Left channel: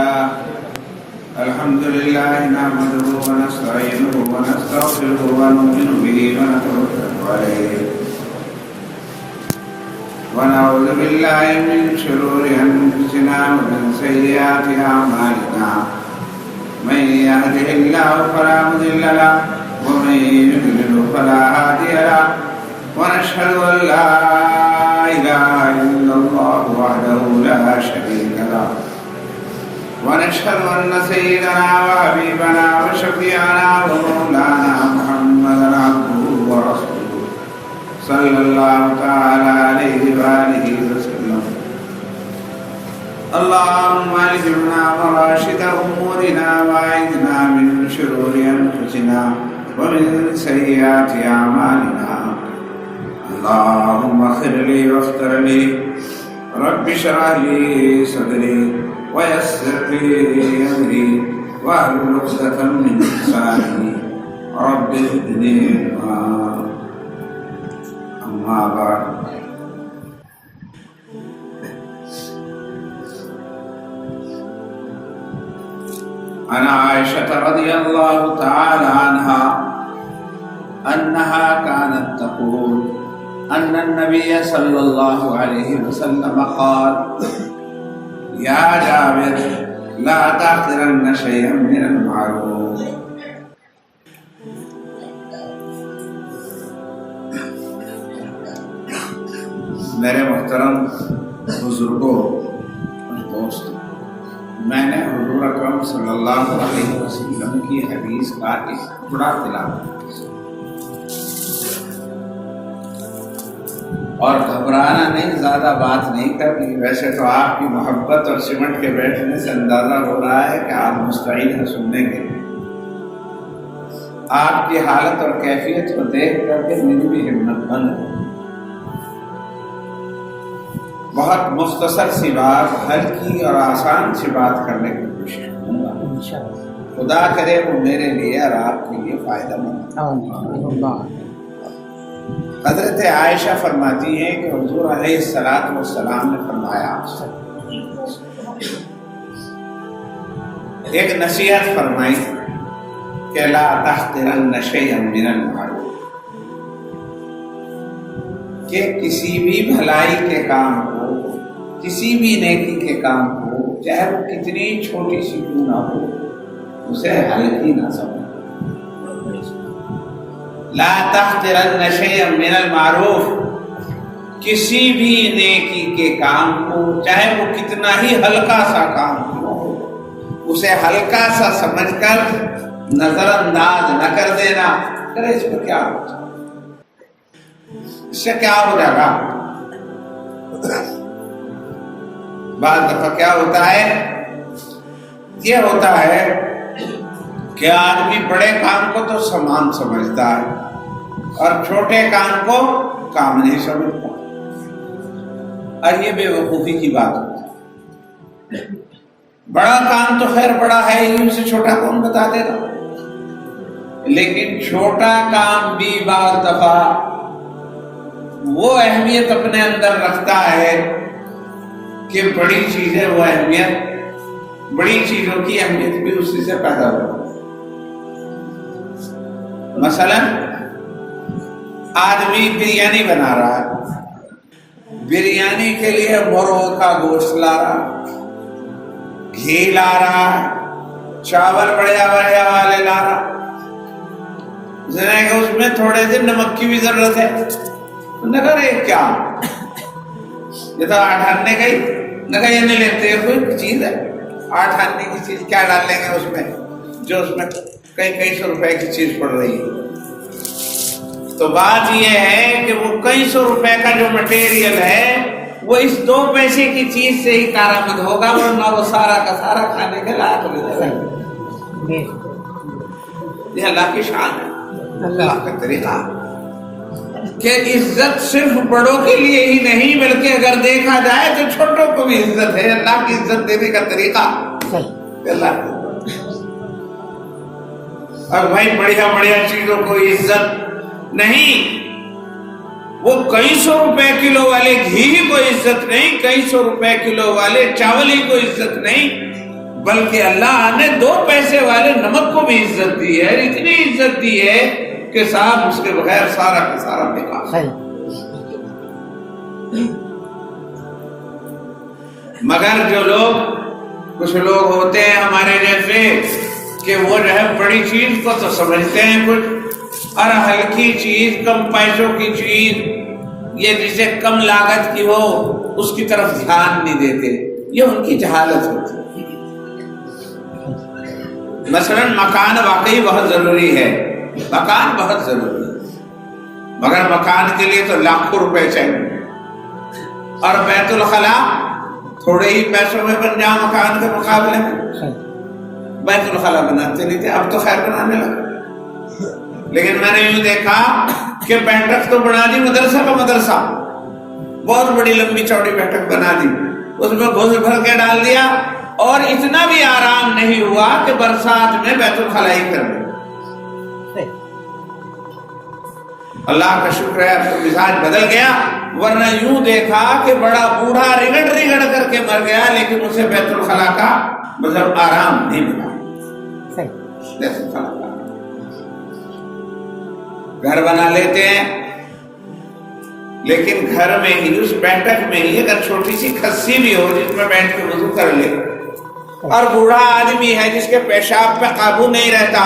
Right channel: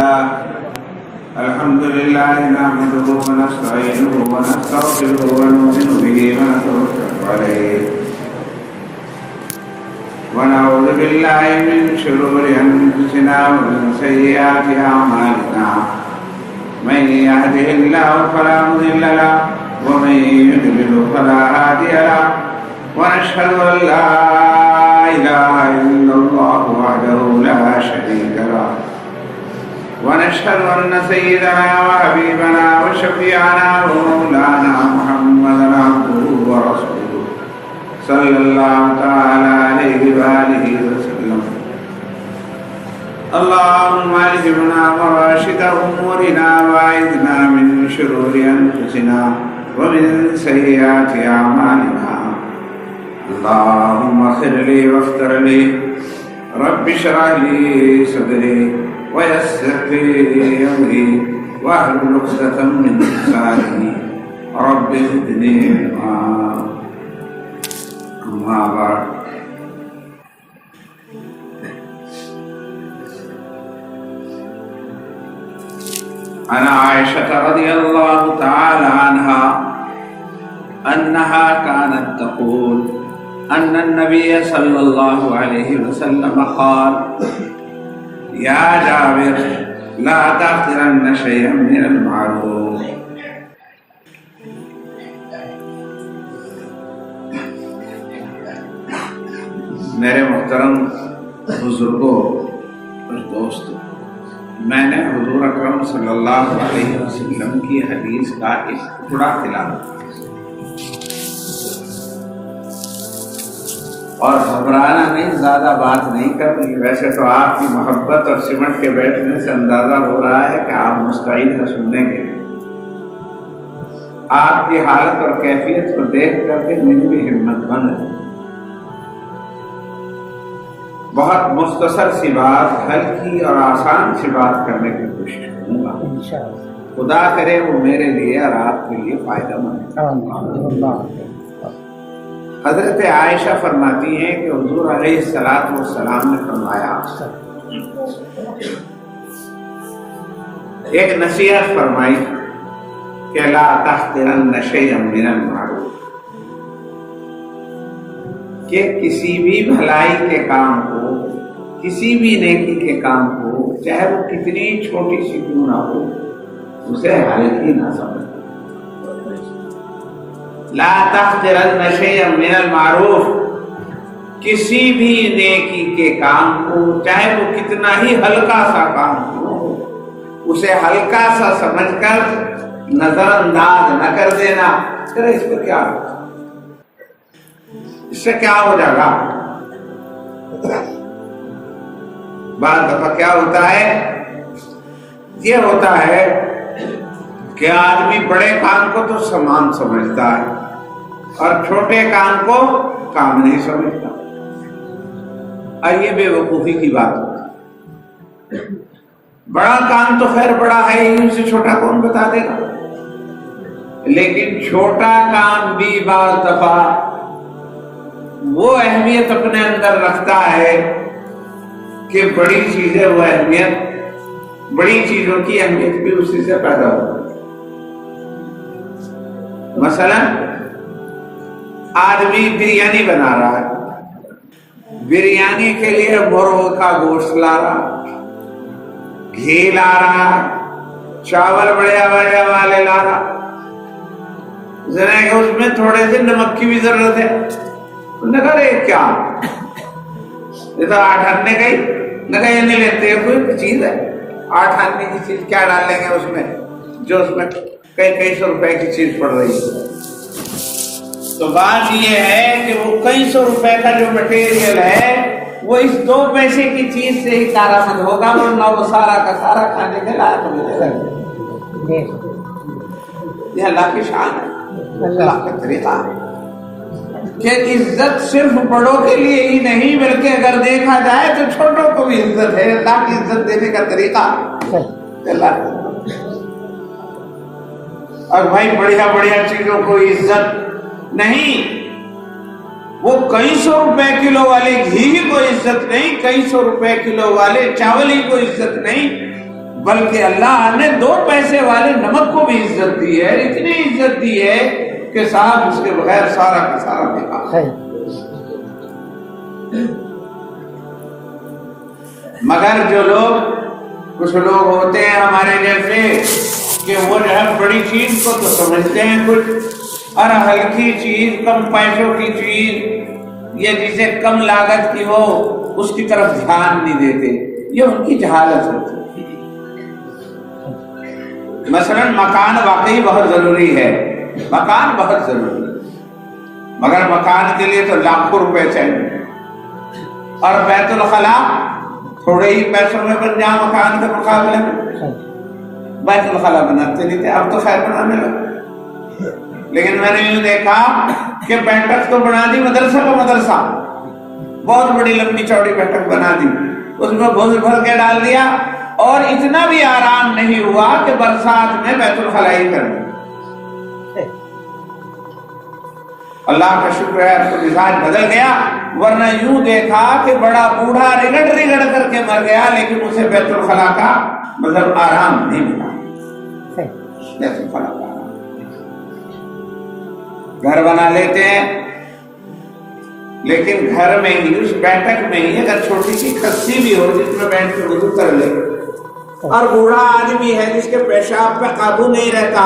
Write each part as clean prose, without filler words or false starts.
لله الحمد لله نحمده ونستعينه ونستغفره ونؤمن به ونتوكل عليه ونعوذ بالله من شرور أنفسنا ومن سيئات أعمالنا من يهده الله فلا مضل له ومن يضلل فلا هادي له ونشهد أن لا إله إلا الله وحده لا شريك له ونشهد أن سيدنا وحبيبنا وشفيعنا ومولانا محمدا عبده ورسوله صلى الله تعالى عليه وآله وسلم اللهم ألهمنا مراشد أمورنا وأعذنا من شرور أنفسنا ومن سيئات أعمالنا اللهم اغفر لي واغفر لي رب اشرح لي صدري ويسر لي أمري واحلل عقدة من لساني رب زدني علما أما بعد عن عائشة رضي الله تعالى عنها أنها كانت تقول أن النبي صلى الله عليه وسلم قال يا جابر لا تحقرن شيئا من المعروف میرے محترم بزرگوں اور دوستوں، میں نے حضور اکرم صلی اللہ علیہ وسلم کی حدیث کا ایک ٹکڑا تلاوت اور گھبرانا نہیں، زیادہ بات نہیں کرنی۔ ویسے تو آپ کی محبت اور سمٹ کے بیٹھنے سے اندازہ ہو رہا ہے کہ آپ مستعد ہیں سننے کے لیے۔ آپ کی حالت اور کیفیت کو دیکھ کر کے میری بھی ہمت بند ہے۔ بہت مختصر سی بات، ہلکی اور آسان سی بات کرنے کی کوشش کروں گا، خدا کرے وہ میرے لیے اور آپ کے لیے فائدہ مند۔ حضرت عائشہ فرماتی ہیں کہ حضور علیہ السلام نے فرمایا، ایک نصیحت فرمائی کہ لا تحقرن شیئا من المعروف، کہ کسی بھی بھلائی کے کام کو، کسی بھی نیکی کے کام کو، چاہے وہ کتنی چھوٹی سی کیوں نہ ہو، اسے ہلکی نہ سمجھ۔ لا تحقرن شیئا من المعروف، کسی بھی نیکی کے کام کو، چاہے وہ کتنا ہی ہلکا سا کام ہو، اسے ہلکا سا سمجھ کر نظر انداز نہ کر دینا۔ کرے اس پر کیا ہو، اس سے کیا ہو جائے گا؟ بعض دفعہ کیا ہوتا ہے، یہ ہوتا ہے کہ آدمی بڑے کام کو تو سامان سمجھتا ہے اور چھوٹے کام کو کام نہیں سمجھتا، اور یہ بے وقوفی کی بات ہوتی ہے۔ بڑا کام تو خیر بڑا ہے ہی، اسے چھوٹا کون بتا دے گا، لیکن چھوٹا کام بھی بعض دفعہ وہ اہمیت اپنے اندر رکھتا ہے کہ بڑی چیزیں، وہ اہمیت، بڑی چیزوں کی اہمیت بھی اسی سے پیدا ہو۔ مثلا آدمی بریانی بنا رہا ہے، بریانی کے لیے مرغ کا گوشت لا رہا، گھی لا رہا، چاول بڑھیا بڑھیا والے لا رہا، ذرا کہ اس میں تھوڑے سے نمک کی بھی ضرورت ہے۔ نگر کیا یہ تو 8 آنے کا ہی نگر یہ نہیں لیتے، کوئی چیز ہے 8 آنے کی چیز کیا ڈال لیں گے اس میں، جو اس میں کئی سو روپے کی چیز پڑ رہی ہے۔ تو بات یہ ہے کہ وہ کئی سو روپے کا جو مٹیریل ہے وہ اس 2 پیسے کی چیز سے ہی کارآمد ہوگا، ورنہ وہ سارا کا سارا کھانے کے لائق نہیں جائے گا۔ یہ اللہ کی شان ہے، اللہ کا طریقہ ہے کہ عزت صرف بڑوں کے لیے ہی نہیں بلکہ اگر دیکھا جائے تو چھوٹوں کو بھی عزت ہے۔ اللہ کی عزت دینے کا طریقہ اللہ، اور بھائی بڑھیا بڑھیا چیزوں کو عزت نہیں، وہ کئی سو روپے کلو والے گھی کو عزت نہیں، کئی سو روپے کلو والے چاول ہی کو عزت نہیں، بلکہ اللہ نے 2 پیسے والے نمک کو بھی عزت دی ہے، اتنی عزت دی ہے کہ صاحب اس کے بغیر سارا کا سارا بیکار۔ مگر جو لوگ، کچھ لوگ ہوتے ہیں ہمارے جیسے کہ وہ جو ہے بڑی چیز کو تو سمجھتے ہیں کچھ، اور ہلکی چیز، کم پیسوں کی چیز، یہ جسے کم لاگت کی ہو اس کی طرف دھیان نہیں دیتے، یہ ان کی جہالت ہوتی ہے۔ مثلا مکان واقعی بہت ضروری ہے، مکان بہت ضروری ہے، مگر مکان کے لیے تو لاکھوں روپے چاہیے، اور بیت الخلا تھوڑے ہی پیسوں میں بن جا مکان کے مقابلے میں۔ بیت الخلا بناتے نہیں تھے، اب تو خیر بنانے لگا، لیکن میں نے یوں دیکھا کہ بیٹھک تو بنا دی مدرسہ کا مدرسہ، بہت بڑی لمبی چوڑی بیٹھک بنا دی، اس میں گھس بھر کے ڈال دیا، اور اتنا بھی آرام نہیں ہوا کہ برسات میں بیت الخلا ہی کر دیا۔ اللہ کا شکر ہے اب تو مزاج بدل گیا، ورنہ یوں دیکھا کہ بڑا بوڑھا رگڑ رگڑ کر کے مر گیا، لیکن اسے بیت الخلا کا مطلب آرام نہیں ملا۔ بیت الخلا کا گھر بنا لیتے ہیں، لیکن گھر میں ہی اس بیٹھک میں ہی اگر چھوٹی سی کھسی بھی ہو جس میں بیٹھ کے وضو کر لے، اور بوڑھا آدمی ہے جس کے پیشاب پہ قابو نہیں رہتا،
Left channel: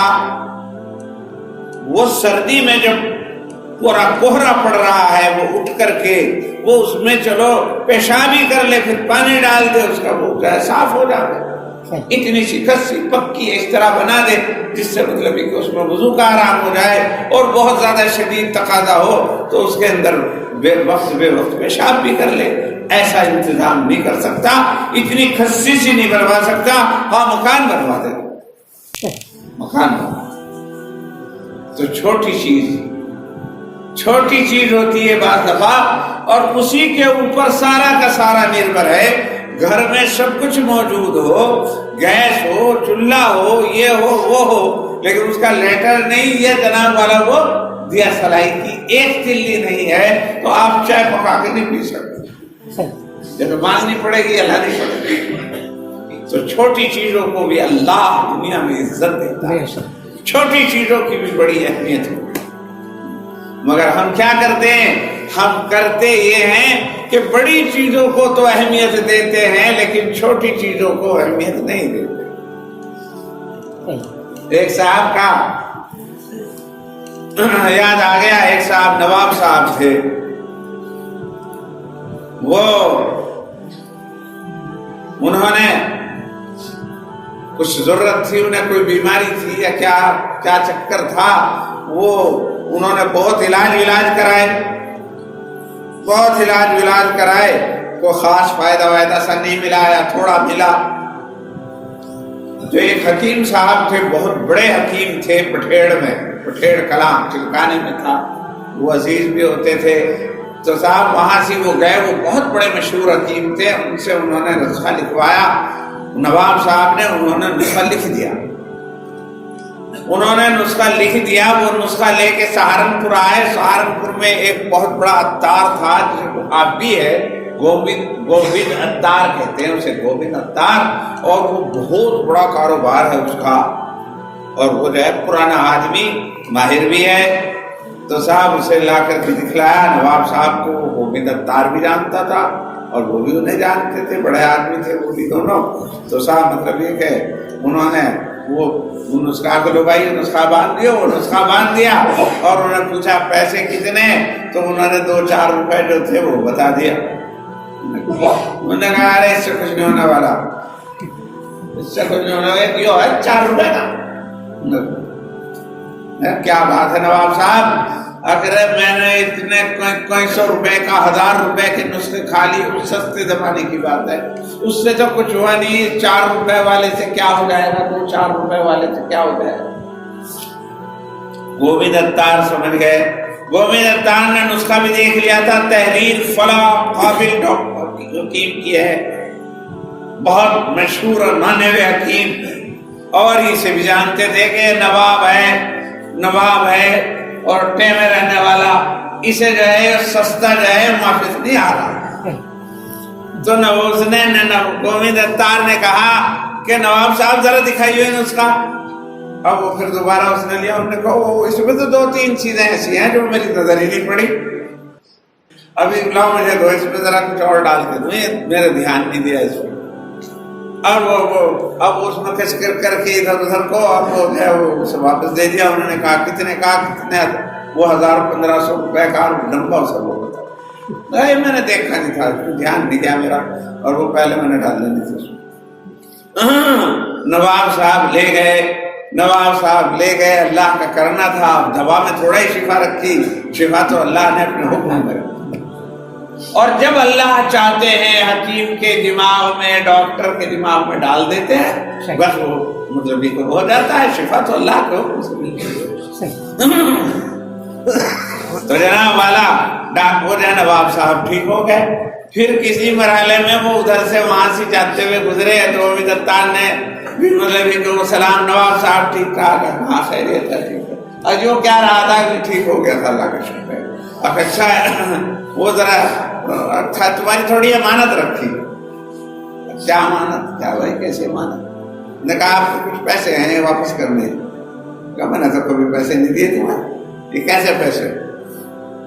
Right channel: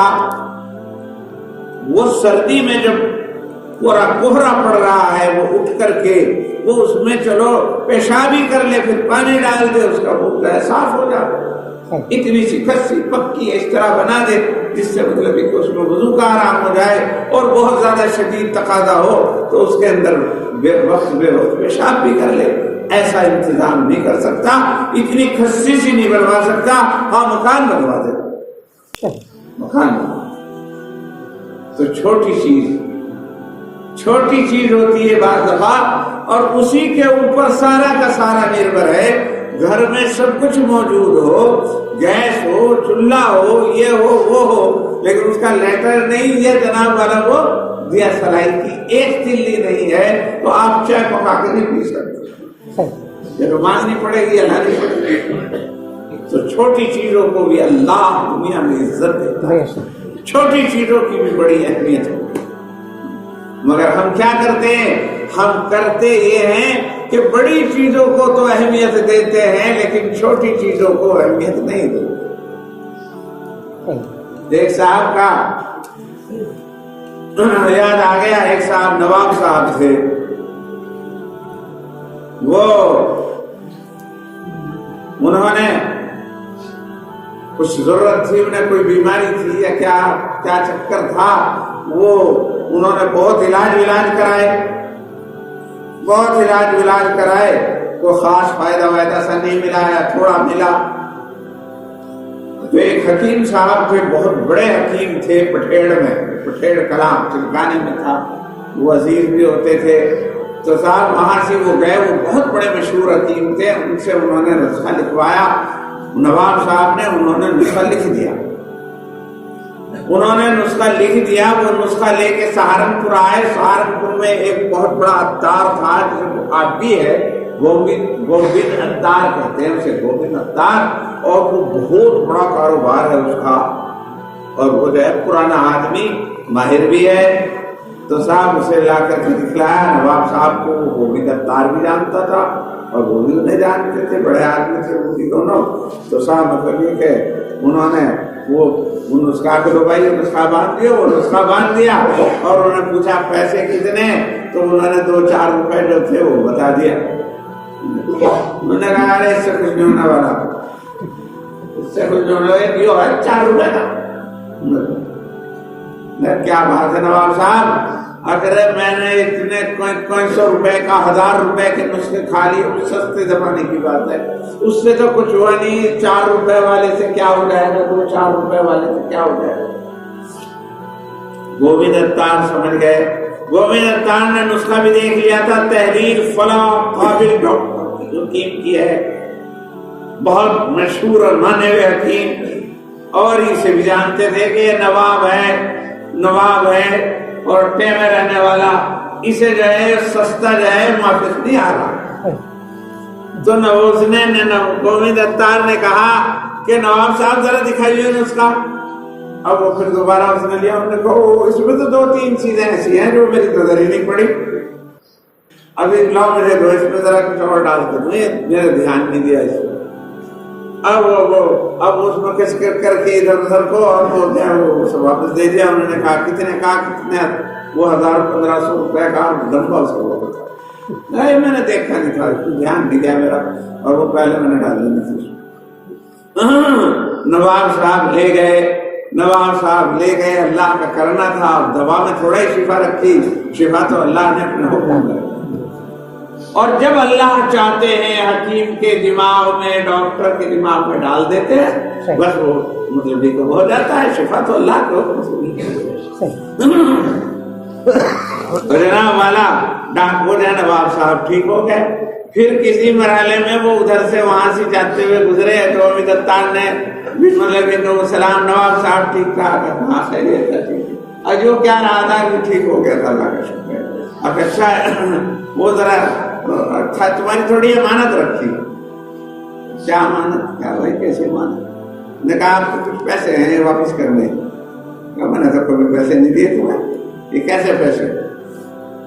وہ سردی میں جب پورا کوہرا پڑ رہا ہے وہ اٹھ کر کے وہ اس میں چلو پیشاب ہی کر لے، پھر پانی ڈال دے، اس کا منہ جو ہے صاف ہو جائے۔ اتنی سی کھسی پکی اس طرح بنا دے جس سے مطلب کہ اس میں وضو کا آرام ہو جائے، اور بہت زیادہ شدید تقاضا ہو تو اس کے اندر بے وقت پیشاب بھی کر لے۔ ایسا انتظام نہیں کر سکتا، اتنی کھسی سی نہیں بنوا سکتا، ہاں مکان بنوا دے، مکان بنوا۔ تو چھوٹی چیز ہوتی ہے بعض دفعہ، اور اسی کے اوپر سارا کا سارا نربھر ہے۔ گھر میں سب کچھ موجود ہو، گیس ہو، چولہا ہو، یہ ہو وہ ہو، لیکن اس کا لیٹر نہیں، یہ جناب والا وہ دیا سلائی کی ایک تلی نہیں ہے، تو آپ چائے پکا کے نہیں پی سکتے، یہ تو مانگنی پڑے گی، اللہ نہیں پڑے گی۔ تو چھوٹی چیزوں کو بھی اللہ دنیا میں عزت دیتا ہے، چھوٹی چیزوں کی بھی بڑی اہمیت ہوتی ہے، مگر ہم کیا کرتے ہیں؟ ہم کرتے یہ ہیں کہ بڑی چیزوں کو تو اہمیت دیتے ہیں لیکن چھوٹی چیزوں کو اہمیت نہیں دیتے۔ ایک صاحب کا یاد آ گیا، ایک صاحب نواب صاحب تھے، وہ انہوں نے کچھ ضرورت تھی، انہیں کوئی بیماری تھی یا کیا چکر تھا، وہ انہوں نے بہت علاج کرائے، کوئی خاص فائدہ سا نہیں ملا یا تھوڑا ملا۔ جو ایک حکیم صاحب تھے، بہت بڑے حکیم تھے، پٹھیڑ کلاں چلکانے میں تھا، وہ عزیز بھی ہوتے تھے، تو صاحب وہاں سے وہ گئے، وہ بہت بڑے مشہور حکیم تھے، ان سے انہوں نے نسخہ لکھوایا، نواب صاحب نے انہوں نے نسخہ لکھ دیا، وہ نسخہ لے کے سہارنپور آئے۔ سہارنپور میں ایک بہت بڑا عطار تھا جسے آپ بھی ہے، گوبند عطار کہتے ہیں اسے، گوبند عطار، اور وہ بہت بڑا کاروبار ہے اس کا، اور وہ جو ہے پرانا آدمی، ماہر بھی ہے، تو صاحب اسے لا کر کے دکھلایا نواب صاحب کو۔ وہ گوبند عطار بھی جانتا تھا اور وہ بھی انہیں جانتے تھے، بڑے آدمی تھے وہ بھی دونوں۔ تو صاحب مطلب یہ کہ انہوں نے وہ نسخہ کو بھائی نسخہ باندھ دیا، اور انہوں نے پوچھا پیسے کتنے، تو انہوں نے 2-4 روپے جو تھے وہ بتا دیا۔ انہوں نے کہا ارے اس سے کچھ نہیں ہونے والا، اس سے کچھ نہیں ہونے والا، یہ ہے 4 روپے کا۔ کیا بات ہے نواب صاحب، اگر میں نے اتنے کوئی 100 روپے کا 1000 روپے کے نسخے کھا لی، سستے زمانے کی بات ہے، اس سے تو کچھ ہوا نہیں، 4 روپے والے سے کیا ہو جائے گا، 2-4 روپے والے سے کیا ہو جائے گا۔ گوبند عطار سمجھ گئے، گوبند عطار نے نسخہ بھی دیکھ لیا تھا، تحریر فلاں قابل ڈاکٹر کی حکیم کی ہے، بہت مشہور اور مانے ہوئے حکیم، اور اسے بھی جانتے تھے کہ نواب ہے اور ٹے میں رہنے والا، اسے جو ہے سستا جو ہے محافظ نہیں آ رہا۔ تو گوبند عطار نے کہا کہ نواب صاحب ذرا دکھائیے نسخہ. اب وہ پھر دوبارہ اس نے لیا. انہوں نے کہا اس میں تو 2-3 چیزیں ایسی ہیں جو میری نظر ہی نہیں پڑی. ابھی لاؤ مجھے دو، اس میں ذرا کچھ اور ڈال کے دو، میرا دھیان نہیں دیا اس میں. اب اس میں کس کر کے ادھر ادھر کو اور وہ واپس دے دیا. انہوں نے کہا کتنے وہ 1000-1500 روپے کا ڈبہ اس کو. میں نے دیکھا نہیں تھا، دھیان نہیں دیا میرا، اور وہ پہلے میں نے ڈال دینی تھی. نواب صاحب لے گئے. اللہ کا کرنا تھا. دوا میں تھوڑا ہی شفا رکھی، شفا تو اللہ نے اپنے حکم میں. اور جب اللہ چاہتے ہیں حکیم کے دماغ میں، ڈاکٹر کے دماغ میں ڈال دیتے ہیں، بس وہ مطلب یہ تو ہو جاتا ہے. شفا تو اللہ کو. تو جناب والا ڈاکٹر جو ہے نواب صاحب ٹھیک ہو گئے. پھر کسی مرحلے میں وہ ادھر سے وہاں سے جاتے ہوئے گزرے تو دتان نے مطلب کہ سلام نواب صاحب ٹھیک ٹھاک ہے؟ ہاں خیریت ہے، ٹھیک ہے. اور جو کیا رہا تھا کہ ٹھیک ہو گیا تھا، اللہ کا شکر ہے. اب اچھا ہے وہ ذرا تمہاری تھوڑی امانت رکھی. کیا امانت؟ کیا بھائی کیسے امانت؟ نے کہا آپ کے کچھ پیسے ہیں واپس کرنے. کہا میں نے تو کبھی پیسے نہیں دیے تمہیں، یہ کیسے پیسے؟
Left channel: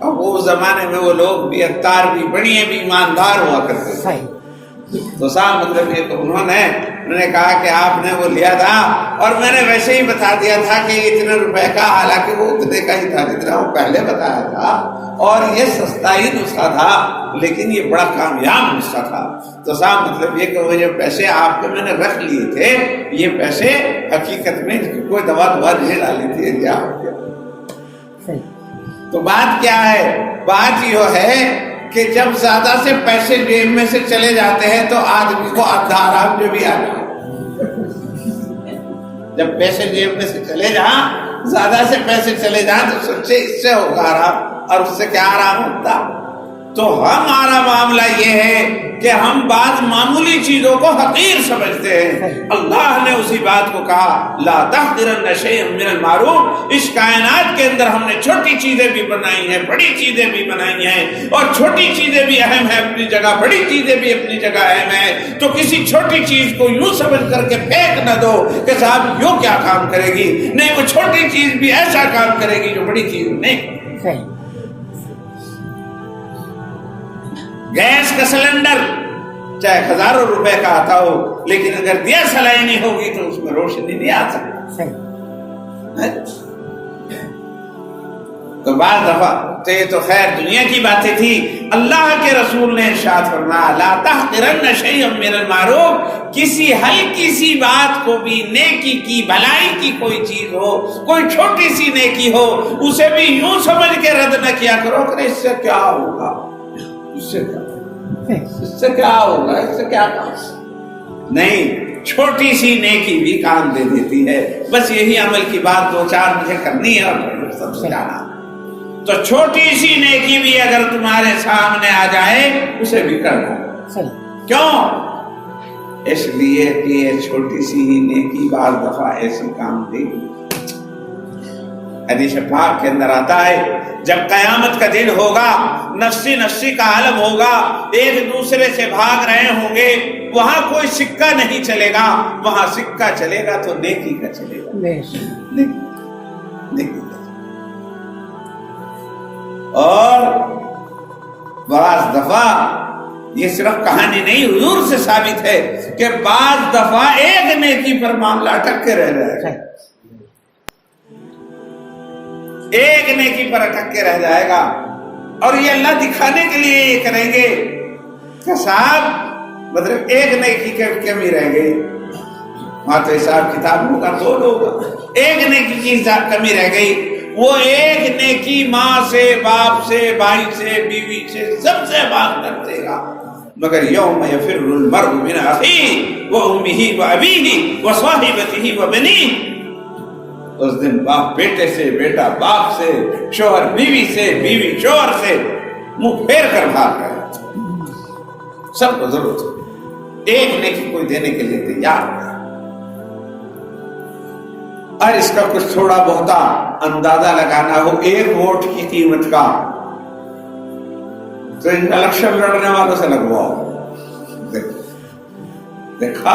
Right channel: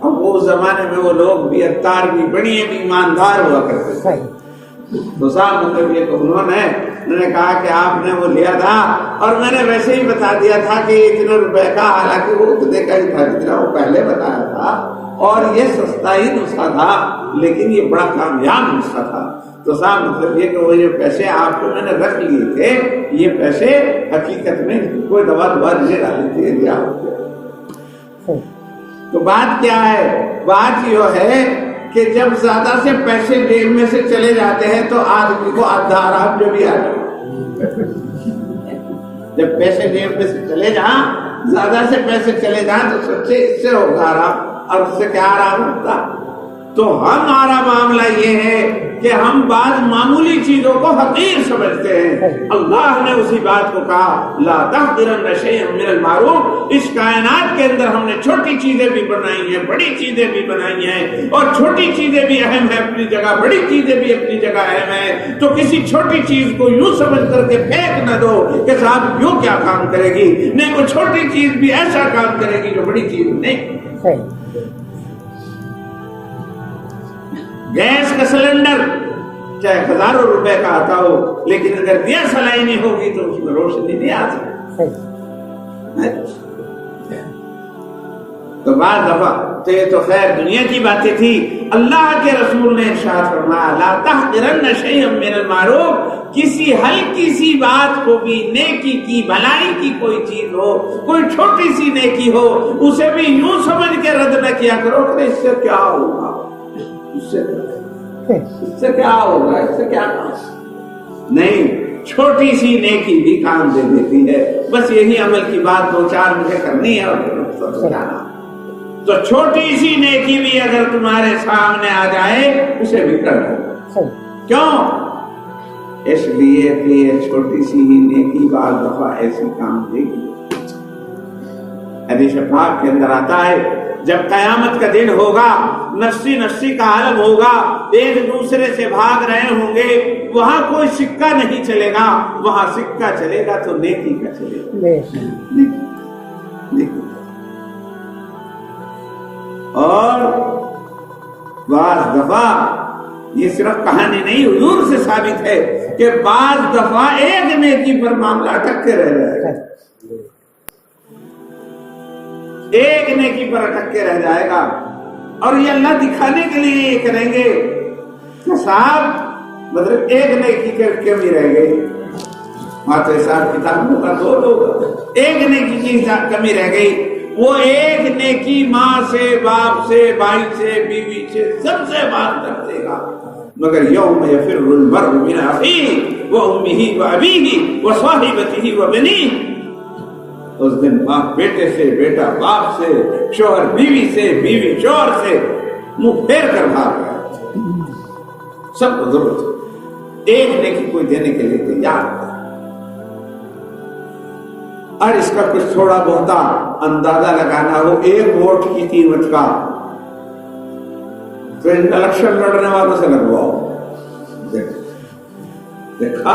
اب وہ زمانے میں وہ لوگ بھی اتار بھی بڑی بھی ایماندار ہوا کرتے تھے. تو صاحب مطلب یہ تو انہوں نے کہا کہ آپ نے وہ لیا تھا اور میں نے ویسے ہی بتا دیا تھا کہ اتنے روپے کا، حالانکہ وہ اتنے کا ہی تھا جتنا وہ پہلے بتایا تھا، اور یہ سستا ہی نسخہ تھا لیکن یہ بڑا کامیاب نسخہ تھا. تو صاحب مطلب یہ کہ وہ جو پیسے آپ کو میں نے رکھ لیے تھے، یہ پیسے حقیقت میں کوئی دوا نہیں ڈالی تھی. تو بات کیا ہے؟ بات یہ ہے کہ جب زیادہ سے پیسے جیب میں سے چلے جاتے ہیں تو آدمی کو آرام جو بھی آتا ہے. جب پیسے جیب میں سے چلے جائیں، زیادہ سے پیسے چلے جائیں تو سچے اس سے ہوگا آرام، اور اس سے کیا آرام ہوتا. تو ہمارا معاملہ یہ ہے کہ ہم بعض معمولی چیزوں کو حقیر سمجھتے ہیں. اللہ نے اسی بات کو کہا لا تحقرن شیئا من المعروف. اس کائنات کے اندر ہم نے چھوٹی چیزیں بھی بنائی ہیں، بڑی چیزیں بھی بنائی ہیں، اور چھوٹی چیزیں بھی اہم ہیں اپنی جگہ، بڑی چیزیں بھی اپنی جگہ اہم ہیں. تو کسی چھوٹی چیز کو یوں سمجھ کر کے پھینک نہ دو کہ صاحب یوں کیا کام کرے گی. نہیں، کوئی چھوٹی چیز بھی ایسا کام کرے گی جو بڑی چیز نہیں. گیس کا سلنڈر چاہے ہزاروں روپے کا آتا ہو، لیکن اگر دیا سلائی نہیں ہوگی تو اس میں روشنی نہیں آ سکتی. تو بعض دفعہ تو یہ تو خیر دنیا کی باتیں تھی. اللہ کے رسول نے ارشاد فرمایا لا تحقرن شیئا من المعروف. کسی ہلکی سی بات کو بھی، نیکی کی، بھلائی کی کوئی چیز ہو، کوئی چھوٹی سی نیکی ہو، اسے بھی یوں سمجھ کے رد نہ کیا کرو کہ اس سے کیا ہوگا، اس سے کیا ہوگا، اس سے کیا کام. نہیں، چھوٹی سی نیکی بھی کام دے دیتی ہے. بس یہی عمل کی بات 2-4 مجھے کرنی ہے اور سب جانا. تو چھوٹی سی نیکی بھی اگر تمہارے سامنے آ جائے اسے بھی کر دو. کیوں؟ اس لیے کہ یہ چھوٹی سی نیکی بعض دفعہ ایسی کام دے گی. حدیث پاک کے اندر آتا ہے جب قیامت کا دن ہوگا، نفسی نفسی کا عالم ہوگا، ایک دوسرے سے بھاگ رہے ہوں گے، وہاں کوئی سکہ نہیں چلے گا. وہاں سکہ چلے گا تو نیکی کا چلے گا. نیکی. اور بعض دفعہ یہ صرف کہانی نہیں، حضور سے ثابت ہے کہ بعض دفعہ ایک نیکی پر معاملہ اٹک کے رہ جائے گا. ایک نیکی پر اٹک کے رہ جائے گا. اور یہ اللہ دکھانے کے لیے یہ کریں گے کہ صاحب مطلب ایک نیکی کی کمی رہ گئی. وہاں تو حساب کتاب ہوگا، 2 لوگ، ایک نیکی کی کمی رہ گئی. وہ ایک نیکی ماں سے، باپ سے، بھائی سے، بیوی سے، سب سے بات کرتے گا. مگر یوم یفر المرء من اخیہ وامہ وابیہ وصاحبتہ وبنیہ. اس دن باپ بیٹے سے، بیٹا باپ سے، شوہر بیوی سے، بیوی شوہر سے منہ پھیر کر بھاگ رہے ہیں. سب کو ضرورت ہے ایک نیکی کوئی دینے کے لیے تیار ہے. اور اس کا کچھ تھوڑا بہت اندازہ لگانا ہو ایک ووٹ کی قیمت کا تو ان الیکشن لڑنے والوں سے لگواؤ. دیکھا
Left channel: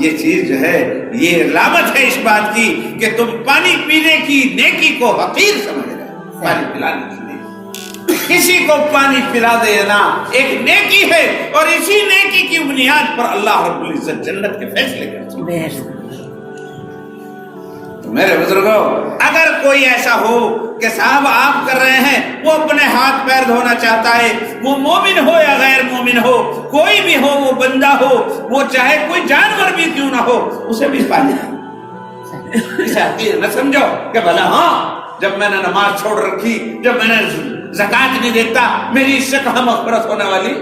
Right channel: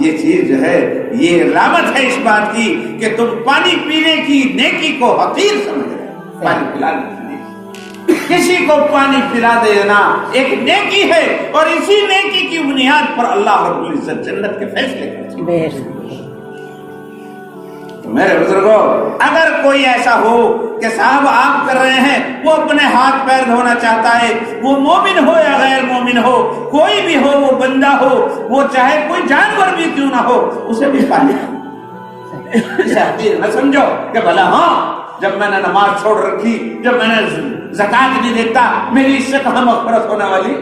یہ چیز جو ہے یہ علامت ہے اس بات کی کہ تم پانی پینے کی نیکی کو حقیر سمجھ رہے ہو. پانی پلانے کی نیکی, کسی کو پانی پلا دینا ایک نیکی ہے, اور اسی نیکی کی بنیاد پر اللہ رب العزت جنت کے فیصلے کرتے ہیں. میرے بزرگوں, اگر کوئی ایسا ہو کہ صاحب آپ کر رہے ہیں, وہ اپنے ہاتھ پیر دھونا چاہتا ہے, وہ مومن ہو یا غیر مومن ہو, کوئی بھی ہو, وہ بندہ ہو, وہ چاہے کوئی جانور بھی کیوں نہ ہو, اسے بھی پانی اسے حقیر نہ سمجھو کہ بھلا ہاں جب میں نے نماز چھوڑ رکھی, جب میں نے زکوٰۃ نہیں دیتا, میری اس سے کہاں مغفرت ہونے والی,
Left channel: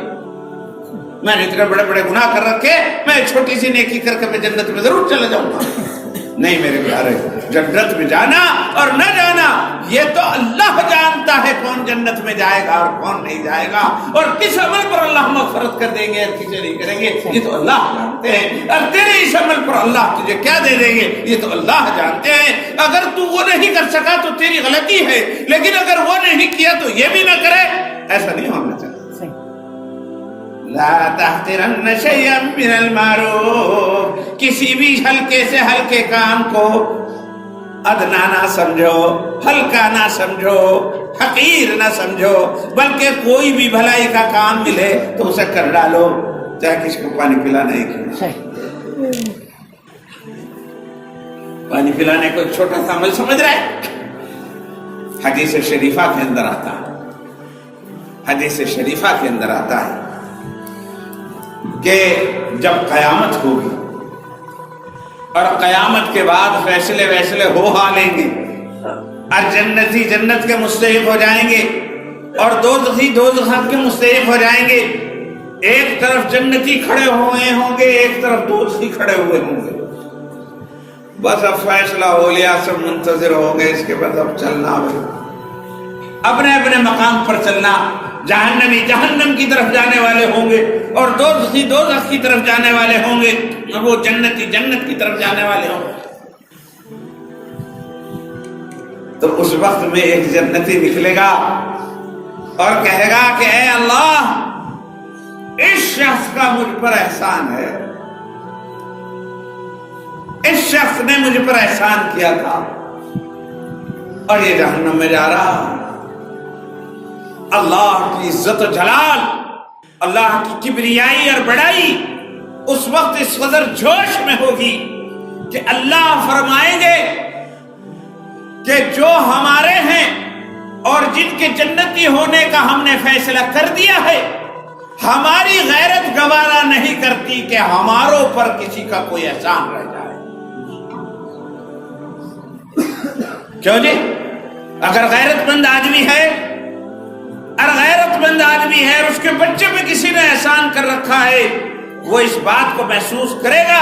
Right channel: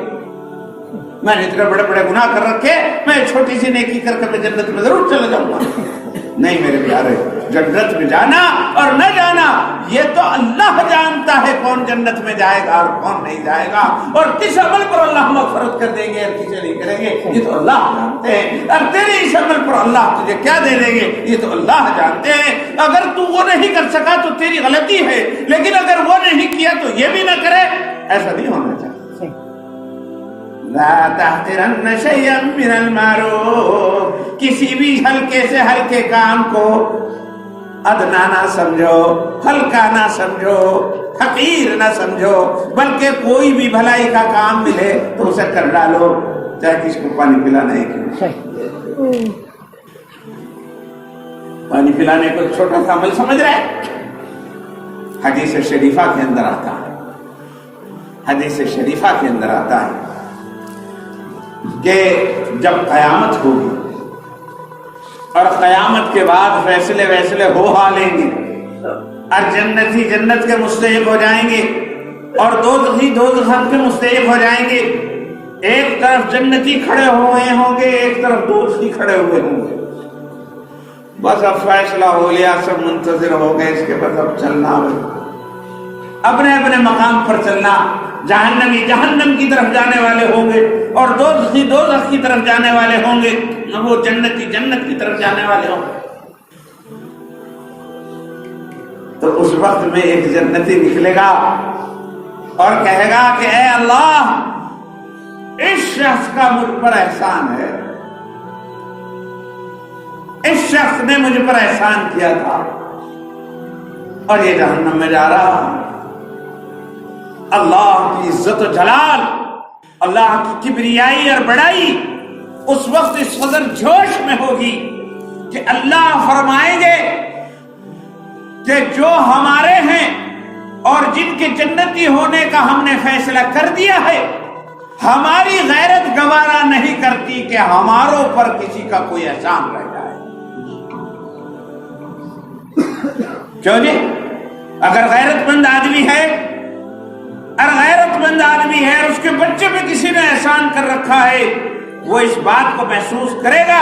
میں نے اتنے بڑے بڑے گناہ کر رکھے, میں چھوٹی سی نیکی کر کے میں جنت میں ضرور چلا جاؤں گا. نہیں میرے پیارے, جنت میں جانا اور نہ جانا یہ تو اللہ جانتا ہے کون جنت میں جائے گا اور کون نہیں جائے گا, اور کس عمل پر اللہ مغفرت کر دیں گے اور کسے نہیں کریں گے یہ تو اللہ جانتے ہیں. اور تیرے اس عمل پر اللہ تجھے کیا دے دیں گے یہ تو اللہ جانتے ہیں. اگر تو وہ نہیں کر سکا تو تیری غلطی ہے, لیکن اگر وہ نہیں کیا تو یہ بھی نہ کرے, ایسا نہیں ہونا چاہیے. لا تحقرن شیئا من المعروف, کسی بھی ہلکے سے ہلکے کام کو ادنا نہ سمجھو, ہلکا نہ سمجھو, حقیر نہ سمجھو, بلکہ کوئی بھی بھلائی کا کام ملے تو اسے کر ڈالو, چاہے کسی کو پانی پلانا ہی کیوں. پانی پلانے کو چھوٹا سا عمل سمجھ رہے. حدیث شریفہ کے اندر آتا ہے, حدیث شریفہ کے اندر آتا ہے کہ جب قیامت ہوگی اور قیامت کے بعد فیصلے ہو لیں گے, اور جنتی جنت کے مستحق ہو جائیں گے اور دوزخی دوزخ کے مستحق ہو جائیں گے. ایک طرف جنتی کھڑے ہوئے ہوں گے, ایک طرف دوزخی کھڑے ہوئے ہوں گے. بس اب فیصلہ ہو لیا, سب منتظر ہو گئے, اس کے بعد اب چلنا اپنے اپنے مقام پر چلنا. جہنمی جہنم کی طرف جانے والے ہوں گے اور دوزخی دوزخ کی طرف جانے والے ہوں گے, وہ جنتی جنت کی طرف جانے والے ہوں گے. تو اس وقت میں ایک جنتی نکلے گا اور کہے گا کہ اے اللہ, اس شخص کا مجھ پر احسان ہے, اس شخص نے مجھ پر احسان کیا تھا اور یہ جہنم میں جا رہا. اللہ کی عزت و جلال, اللہ کی کبریائی اور بڑائی اس وقت اس قدر جوش میں ہوگی کہ اللہ فرمائیں گے کہ جو ہمارے ہیں اور جن کے جنتی ہونے کا ہم نے فیصلہ کر دیا ہے, ہماری غیرت گوارا نہیں کرتی کہ ہماروں پر کسی کا کوئی احسان رہ جائے. کیوں جی؟ اگر غیرت مند آدمی ہے, اور غیرت مند آدمی ہے, اس کے بچے پہ کسی نے احسان کر رکھا ہے, وہ اس بات کو محسوس کرے گا,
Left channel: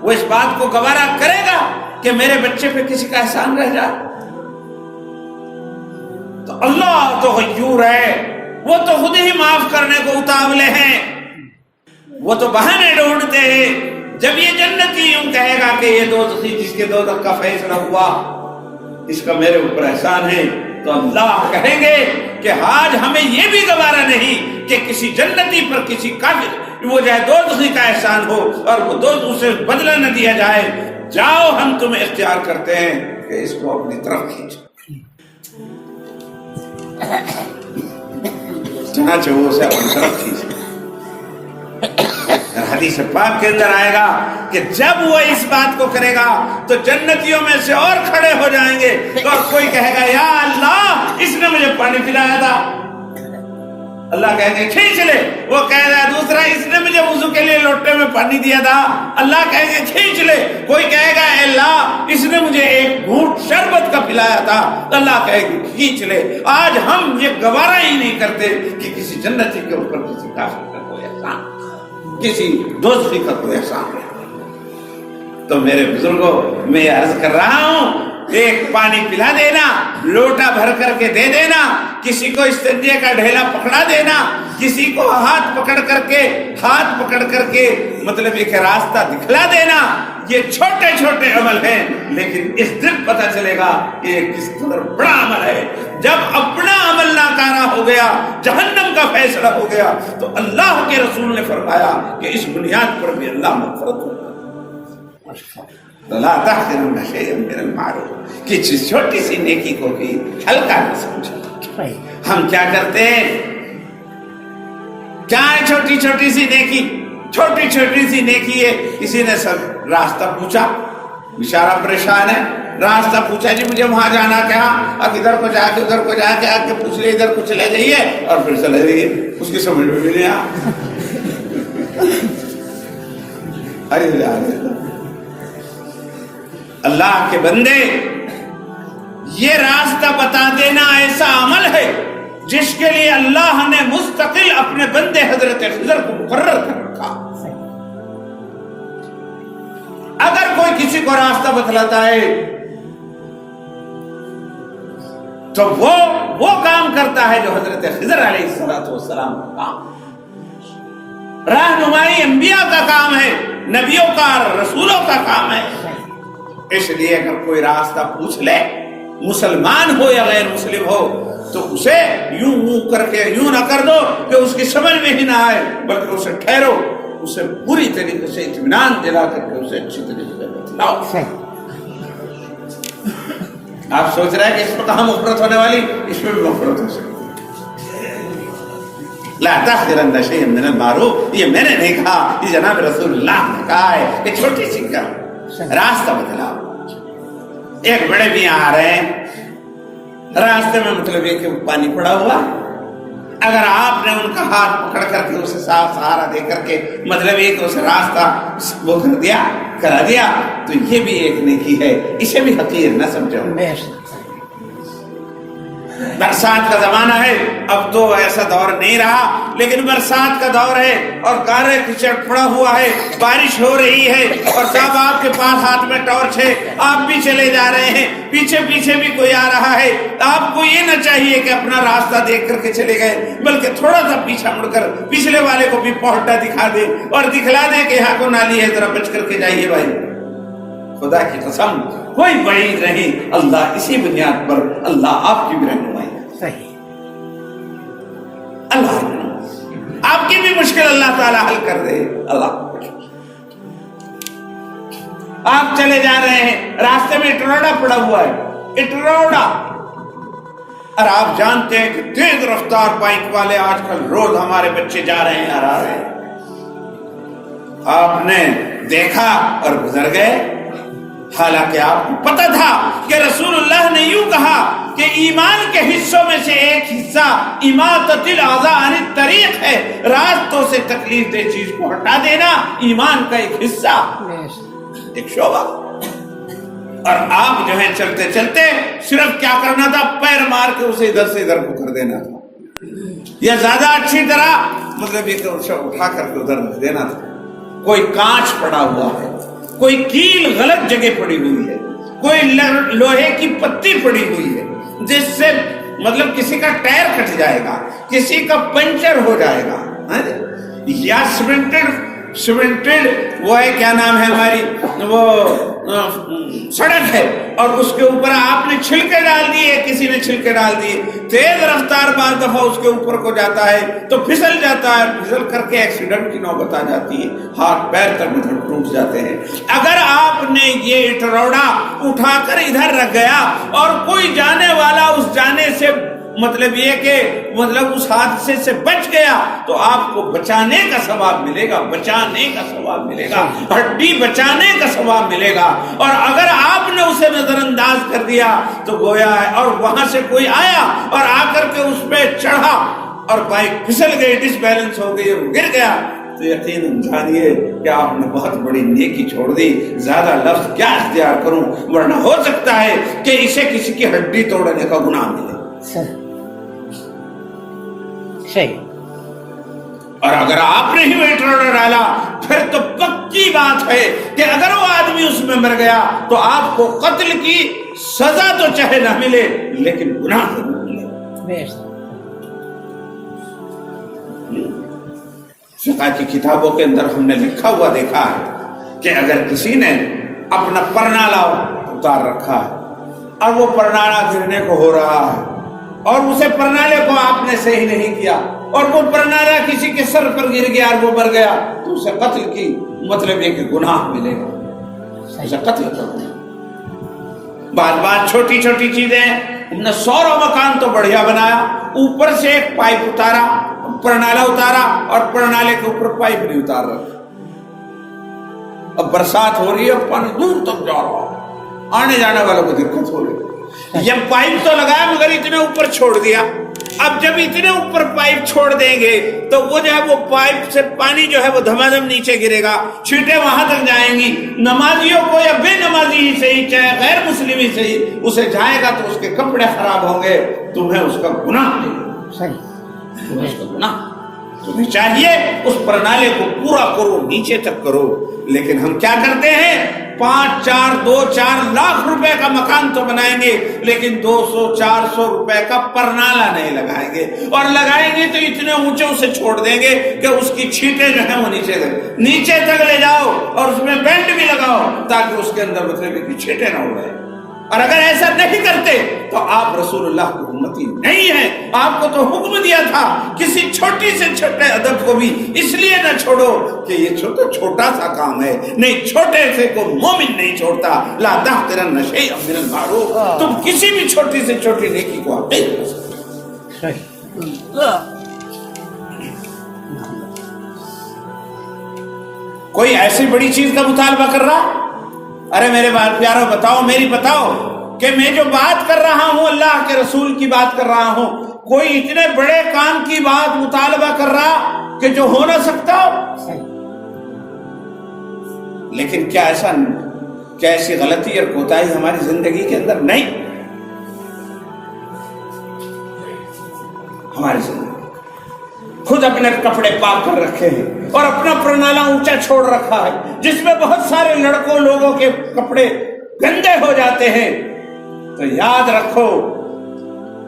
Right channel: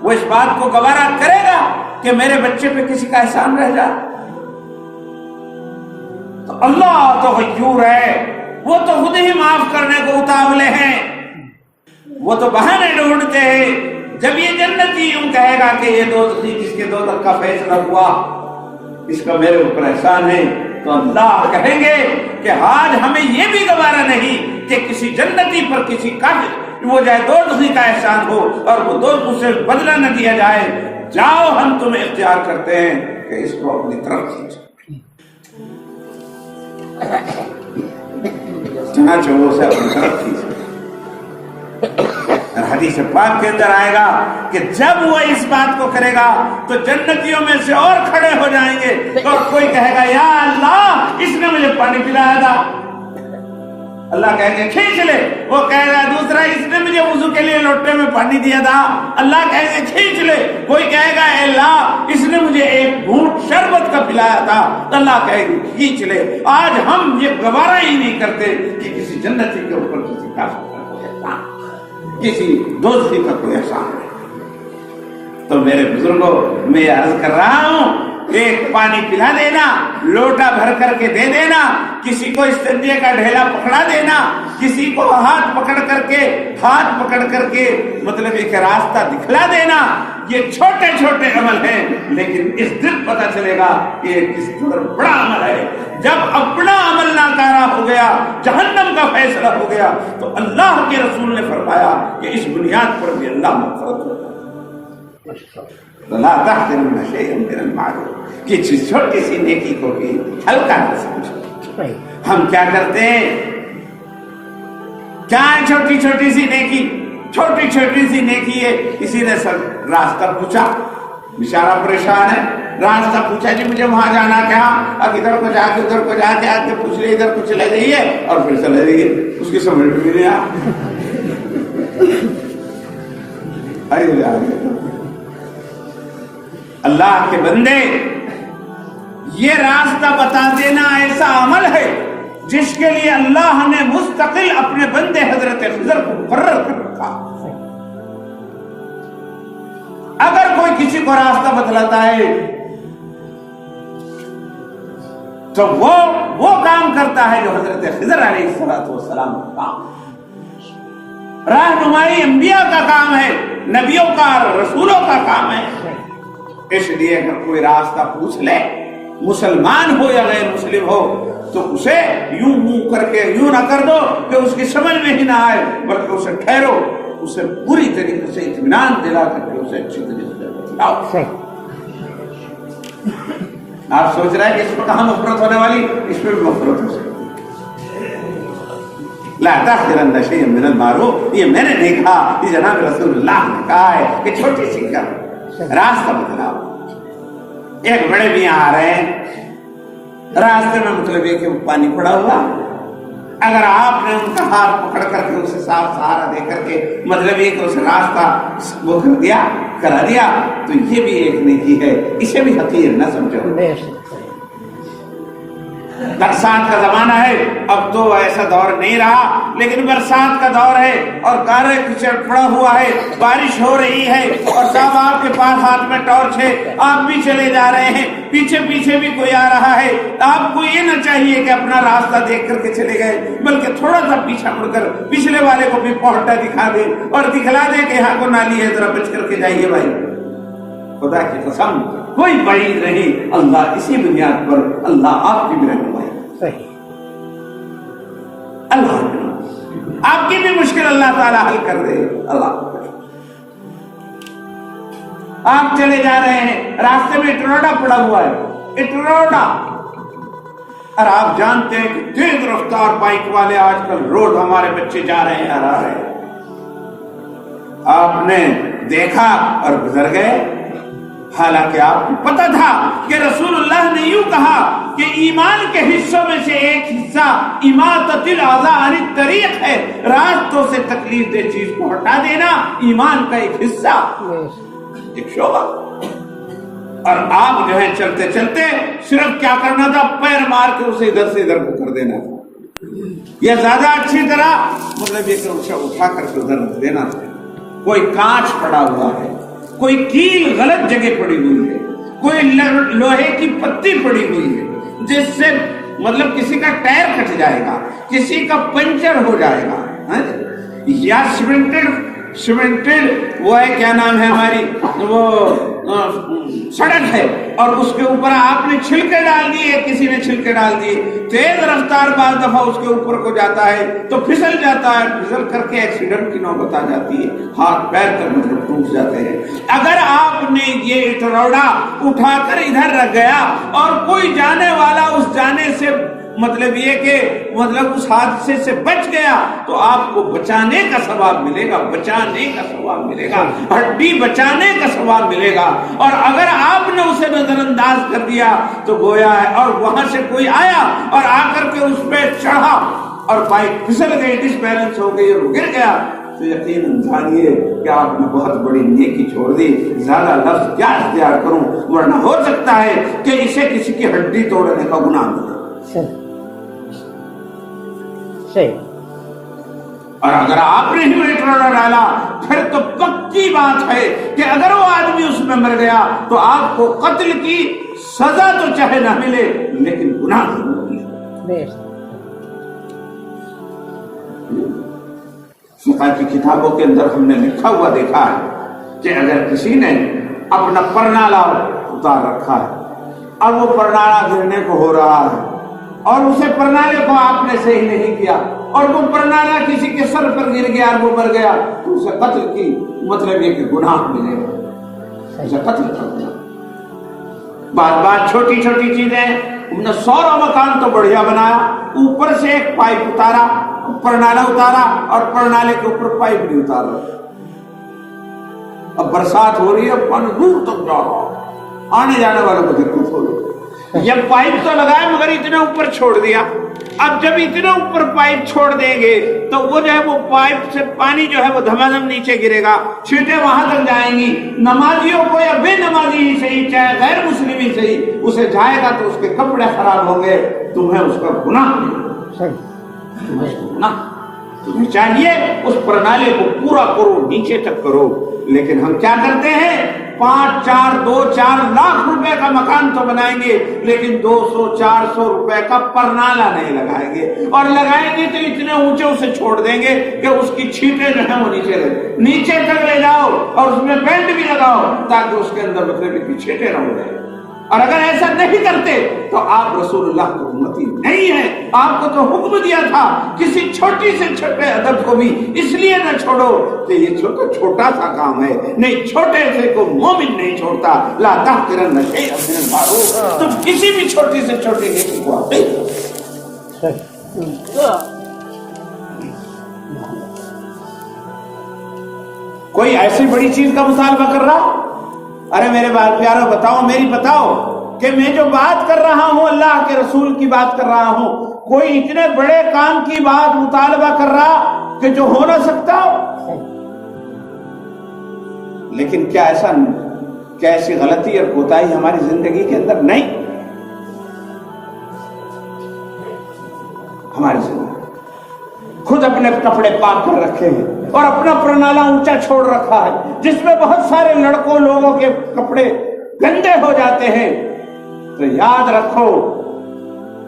وہ اس بات کو گوارا کرے گا کہ میرے بچے پہ کسی کا احسان رہ جائے. تو اللہ تو غیور ہے, وہ تو خود ہی معاف کرنے کو اتاولے ہیں, وہ تو بہانے ڈھونڈتے ہیں. جب یہ جنتی یوں کہے گا کہ یہ دوزخی جس کے دوزخ کا فیصلہ ہوا اس کا میرے اوپر احسان ہے, تو اللہ کہیں گے کہ آج ہمیں یہ بھی گوارا نہیں کہ کسی جنتی پر کسی کافر وہ جائے دوزخی کا احسان ہو اور وہ دوزخ سے بدلہ نہ دیا جائے. جاؤ ہم تمہیں اختیار کرتے ہیں کہ اس کو اپنی طرف کھینچو. چنانچہ وہ اسے اپنی طرف کھینچو. حدیث پاک کے اندر آئے گا کہ جب وہ اس بات کو کرے گا تو جنتیوں میں سے اور کھڑے ہو جائیں گے اور کوئی کہے گا یا اللہ, اس نے مجھے پانی پلایا تھا. اللہ کہیں گے کھینچ لے. وہ کہے گا دوسرا, اس نے مجھے وضو کے لیے لوٹے میں پانی دیا تھا. اللہ کہیں گے کھینچ لے. کوئی کہے گا اے اللہ, اس نے مجھے ایک گھونٹ شربت کا پلایا تھا. اللہ کہے گے کھینچ لے. آج ہم یہ گوارا ہی نہیں کرتے کہ کسی جنتی کے اوپر کسی کافر کا کوئی احسان, کسی دوزخی کا کوئی احسان ہے. تو میرے بزرگوں, میں عرض کر رہا ہوں, ایک پانی پلا دینا, لوٹا بھر کر کے دے دینا, کسی کو استنجے کا ڈھیلا پکڑا دینا, کسی کو ہاتھ پکڑ کر کے مطلب ایک راستہ دکھلا دینا, یہ چھوٹے چھوٹے عمل ہیں, لیکن اس دن پتہ چلے گا کہ یہ کس قدر بڑا عمل ہے. جب اپنا عمل نہ ناکارہ ہو گیا، جہنم کا فیصلہ ہو گیا، تو اللہ کے رسول نے فرمایا کہ اس بنیاد پر بھی اللہ مغفرت ہو۔ لا تحقرن شیئا من المعروف، کہ چھوٹی سی نیکی کو بھی ہلکا نہ سمجھو۔ ہم کیا کرتے ہیں؟ کیا ہے چھوٹی چھوٹی سی نیکی؟ چھوٹی چھوٹی سی نیکی ہے، کسی نے سب راستہ پوچھا، بیچارہ پریشان ہے، راستہ پوچھا جی مجھے وہاں جانا کیا، اب ادھر کو جا کے ادھر کو جا کے آ کے پوچھ لیے ادھر کو چلے جائیے اور پھر چلے جائیے، اس کی سمجھ میں بھی نہیں آیا۔ اللہ کے بندے، یہ راستہ بتا دینا ایسا عمل ہے جس کے لیے اللہ نے مستقل اپنے بندے حضرت خضر کو مقرر کر رکھا۔ اگر کوئی کسی کو راستہ بتلاتا ہے تو وہ کام کرتا ہے جو حضرت خضر علیہ السلام کا کام۔ رہنمائی انبیاء کا کام ہے، نبیوں کا، رسولوں کا کام ہے۔ اس لیے اگر کوئی راستہ پوچھ لے، مسلمان ہو یا غیر مسلم ہو، تو اسے یوں منہ کر کے یوں نہ کر دو کہ اس کی سمجھ میں ہی نہ آئے، بلکہ اسے ٹھہرو، اسے پوری طریقے سے اطمینان دلا کر کے اسے اچھی طریقے سے بتلاؤ۔ آپ سوچ رہے ہیں کہ اس میں کہاں مغفرت ہونے والی؟ اس میں بھی مغفرت ہو سکتی۔ لا تحقرن شیئا من المعروف، یہ میں نے نہیں کہا، یہ جناب رسول اللہ نے کہا ہے کہ چھوٹی سی کا راستہ بتلاؤ۔ ایک بڑے میاں آ رہے ہیں، راستے میں مطلب یہ کہ پانی پڑا ہوا، اگر آپ نے ان کا ہاتھ پکڑ کر کے اسے صاف سہارا دے کر کے مطلب یہ کہ اسے راستہ وہ کر دیا، کرا دیا، تو یہ بھی ایک نیکی ہے، اسے بھی حقیر نہ سمجھو۔ برسات کا زمانہ ہے، اب تو ایسا دور نہیں رہا، لیکن برسات کا دور ہے اور گارے کیچڑ پڑا ہوا ہے، بارش ہو رہی ہے اور صاحب آپ کے پاس ہاتھ میں ٹارچ ہے، آپ بھی چلے جا رہے ہیں، پیچھے پیچھے بھی کوئی آ رہا ہے، آپ کو یہ نہ چاہیے کہ اپنا راستہ دیکھ کر کے چلے گئے، بلکہ تھوڑا سا پیچھے مڑ کر پچھلے والے کو بھی پہنٹا دکھا دے اور دکھلا دے کہ یہاں کو نالی ہے، ذرا بچ کر کے جائیے بھائی۔ خدا کی قسم کوئی بعید نہیں، اللہ اسی بنیاد پر اللہ آپ کی بھی رہنمائی، اللہ آپ کی بھی مشکل اللہ تعالیٰ حل کر دے۔ اللہ آپ چلے جا رہے ہیں، راستے میں اٹروڈا پڑا ہوا ہے، اٹروڈا، اور آپ جانتے ہیں کہ تیز رفتار بائک والے آج کل روز ہمارے بچے جا رہے ہیں اور آ رہے ہیں، آپ نے دیکھا اور گزر گئے، حالانکہ آپ کو پتہ تھا کہ رسول اللہ نے یوں کہا کہ ایمان کے حصوں میں سے ایک حصہ اماطۃ الاذى عن الطریق ہے، راستوں سے تکلیف دہ چیز کو ہٹا دینا ایمان کا ایک حصہ، ایک شعبہ۔ اور آپ جو ہے چلتے چلتے صرف کیا کرنا تھا؟ پیر مار کے اسے ادھر سے ادھر کو کر دینا تھا، یا زیادہ اچھی طرح مطلب یہ کہ اٹھا کر کے ادھر رکھ دینا تھا۔ کوئی کانچ پڑا ہوا ہے، کوئی کیل غلط جگہ پڑی ہوئی ہے، کوئی لوہے کی پتی پڑی ہوئی ہے جس سے مطلب کسی کا ٹائر کٹ جائے گا، کسی کا پنچر ہو جائے گا، یا سیمنٹڈ وہ ہے کیا نام ہے ہماری وہ سڑک ہے اور اس کے اوپر آپ نے چھلکے ڈال دیے، کسی نے چھلکے ڈال دیے، تیز رفتار بعض دفعہ اس کے اوپر کو جاتا ہے تو پھسل جاتا ہے، پھسل کر کے ایکسیڈنٹ کی نوبت آ جاتی ہے، ہاتھ پیر تک مطلب ٹوٹ جاتے ہیں۔ اگر آپ نے یہ اٹروڑا اٹھا کر ادھر رکھ گیا اور کوئی جانے والا اس جانے سے مطلب یہ کہ مطلب اس حادثے سے بچ گیا تو آپ کو بچانے کا ثواب ملے گا، بچانے کا ثواب ملے گا، ہڈی بچانے کا ثواب ملے گا۔ اور اگر آپ نے اسے نظر انداز کر دیا تو گویا ہے، اور وہاں سے کوئی آیا اور آ کر کے اس پہ چڑھا اور بائک پھسل گئی، ڈس بیلنس ہو گئی اور گر گیا، تو یقیناً جانیے کہ آپ نے بہت بڑی نیکی چھوڑ دی۔ زیادہ لفظ کیا اختیار کروں، ورنہ ہو سکتا ہے کہ اسے کسی کی ہڈی توڑنے کا گناہ ملے۔ اور اگر آپ نے ہی میٹر ڈالا پھر تو پکی بات ہے کہ اگر وہ آدمی اس میں مر گیا تو آپ کو قتل کی سزا تو چاہے نہ ملے لیکن گناہ ضرور ملے۔ فقہ کی کتابوں کے اندر ہم نے لکھا ہوا دیکھا ہے کہ اگر کسی نے اپنا پرنالا اتار رکھا ہے اور وہ پرنالا گرنے کو ہو رہا ہے اور اسے پرنالے کو آپ نے صحیح نہیں کیا اور وہ پرنالا کسی کے سر پر گر گیا اور وہ مر گیا تو اسے قتل کی مطلب یہ کہ گناہ ملے گا، اسے قتل کر دیا۔ بات چھوٹی چھوٹی چیزیں، ہم نے 100 مکان تو بڑھیا بنایا، اوپر سے ایک پائپ اتارا، پرنالا اتارا اور پرنالے کے اوپر پائپ نہیں اتار رہا، اب برسات ہو رہی ہے پانی دور تک جا رہا ہے، آنے جانے والوں کو دقت ہو رہی ہے۔ یہ پائپ تو لگایا مگر اتنے اوپر چھوڑ دیا، اب جب اتنے اوپر پائپ چھوڑ دیں گے تو وہ جو ہے وہ پائپ سے پانی جو ہے وہ دھمادھم نیچے گرے گا، چھینٹیں وہاں تک جائیں گی، نمازیوں کو یا بے نمازی ہی صحیح چاہے غیر مسلم ہی صحیح اسے جائے گا تو اس کے کپڑے خراب ہوں گے، تمہیں اس کا گناہ نہیں، تمہیں چاہیے اس پرنالے کو پورا کرو، نیچے تک کرو، لیکن ہم کیا کرتے ہیں 5 4 2 4 لاکھ روپے کا مکان تو بنائیں گے لیکن 200 400 روپے کا پرنالا نہیں لگائیں گے، اور لگائیں گے تو اتنے اونچے اسے چھوڑ دیں گے کہ اس کی چھینٹیں جو ہیں وہ نیچے تک لے جاؤ اور اس میں بینڈ بھی لگاؤ تاکہ اس کے اندر مطلب کی چھینٹیں نہ ہو جائے۔ اور اگر ایسا نہیں کرتے تو آپ رسول اللہ کی امتی نہیں ہیں، آپ کو تو حکم دیا تھا کسی چھوٹی سے چھوٹے ادب کو بھی اس لیے نہ چھوڑو کہ یہ چھوٹا سا کام ہے، نہیں چھوٹے سے کو مومن نہیں چھوڑتا، لا تحقرن شیئا من المعروف، تم کسی بھی چھوٹی سے چھوٹی نیکی کو حقیر۔ کوئی ایسی بڑی چیز کا مطالبہ کر رہا، ارے میرے پیارو بتاؤ، میری بتاؤ کہ میں جو بات کر رہا ہوں اللہ کے رسول کی بات کر رہا ہوں، کوئی اتنے بڑے کام کی بات مطالبہ کر رہا کہ جو ہو نہ سکتا ہو؟ لیکن کیا ایسی غلطی اور کوتاہی ہماری زندگی کے اندر نہیں؟ ہماری زندگی خود اپنے کپڑے پاک کر رکھے ہیں اور اپنا پرنالا اونچا چھوڑ رکھا ہے جس میں بہت سارے لوگوں کے کپڑے گندے ہو جاتے ہیں، تو یاد رکھو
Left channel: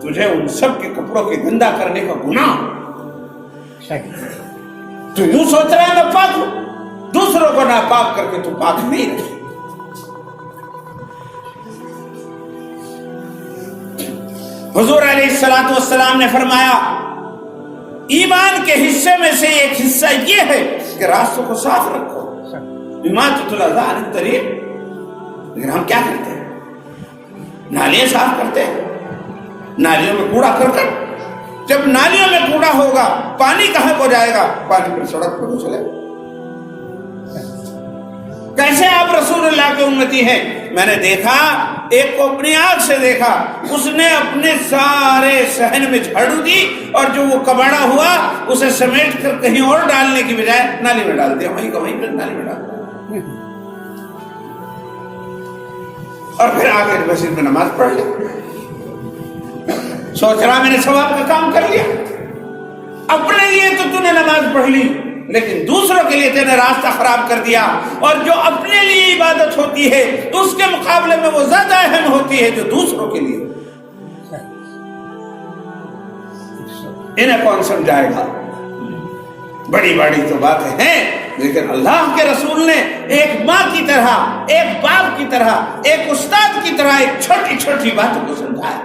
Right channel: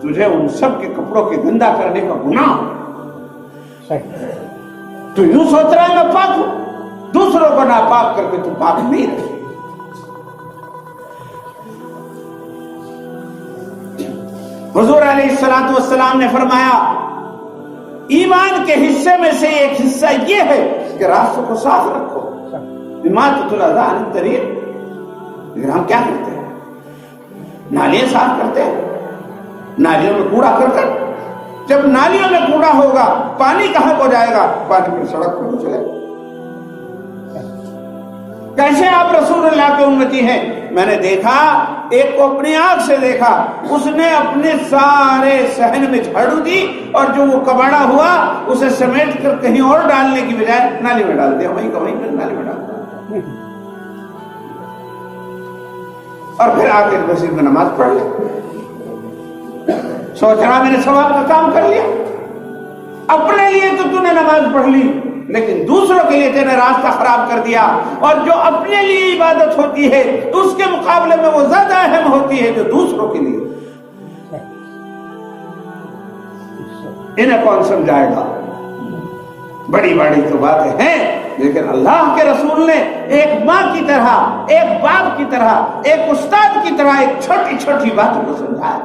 تجھے ان سب کے کپڑوں کے گندا کرنے کا گناہ۔ تو یوں سوچ رہا ہے میں پاک ہوں، دوسروں کو ناپاک کر کے تو پاک نہیں رہے۔ حضور علیہ السلام نے فرمایا ایمان کے حصے میں سے ایک حصہ یہ ہے کہ راستوں کو صاف رکھو، اماطۃ الاذى عن الطریق۔ لیکن ہم کیا کرتے ہیں؟ نالیاں صاف کرتے ہیں، نالیوں میں کوڑا کرکٹ، جب نالیوں میں کوڑا ہوگا پانی کہاں کو جائے گا؟ پانی پر سڑک پر چلے گا۔ کیسے آپ رسول اللہ کے امتی ہیں؟ میں نے دیکھا ایک کو اپنی آنکھ سے دیکھا، اس نے اپنے سارے صحن میں جھاڑو دی اور جو وہ کباڑا ہوا اسے سمیٹ کر کہیں اور ڈالنے کی بجائے نالی میں ڈال دیا، وہیں کا وہیں پر نالی میں ڈال دیا، اور پھر آ کے مسجد میں نماز پڑھ لی، سوچ رہا میں نے ثواب کا کام کر لیا۔ اپنے لیے تو نے نماز پڑھ لی لیکن دوسروں کے لیے تینے راستہ خراب کر دیا، اور جو اپنے لیے عبادت ہوتی ہے تو اس کے مقابلے میں وہ زیادہ اہم ہوتی ہے جو دوسروں کے لیے۔ انہیں کون سمجھائے گا؟ بڑی بڑی تو باتیں ہیں، لیکن اللہ کے رسول نے ایک ماں کی طرح، ایک باپ کی طرح، ایک استاد کی طرح ایک چھوٹی چھوٹی باتوں کو سمجھایا۔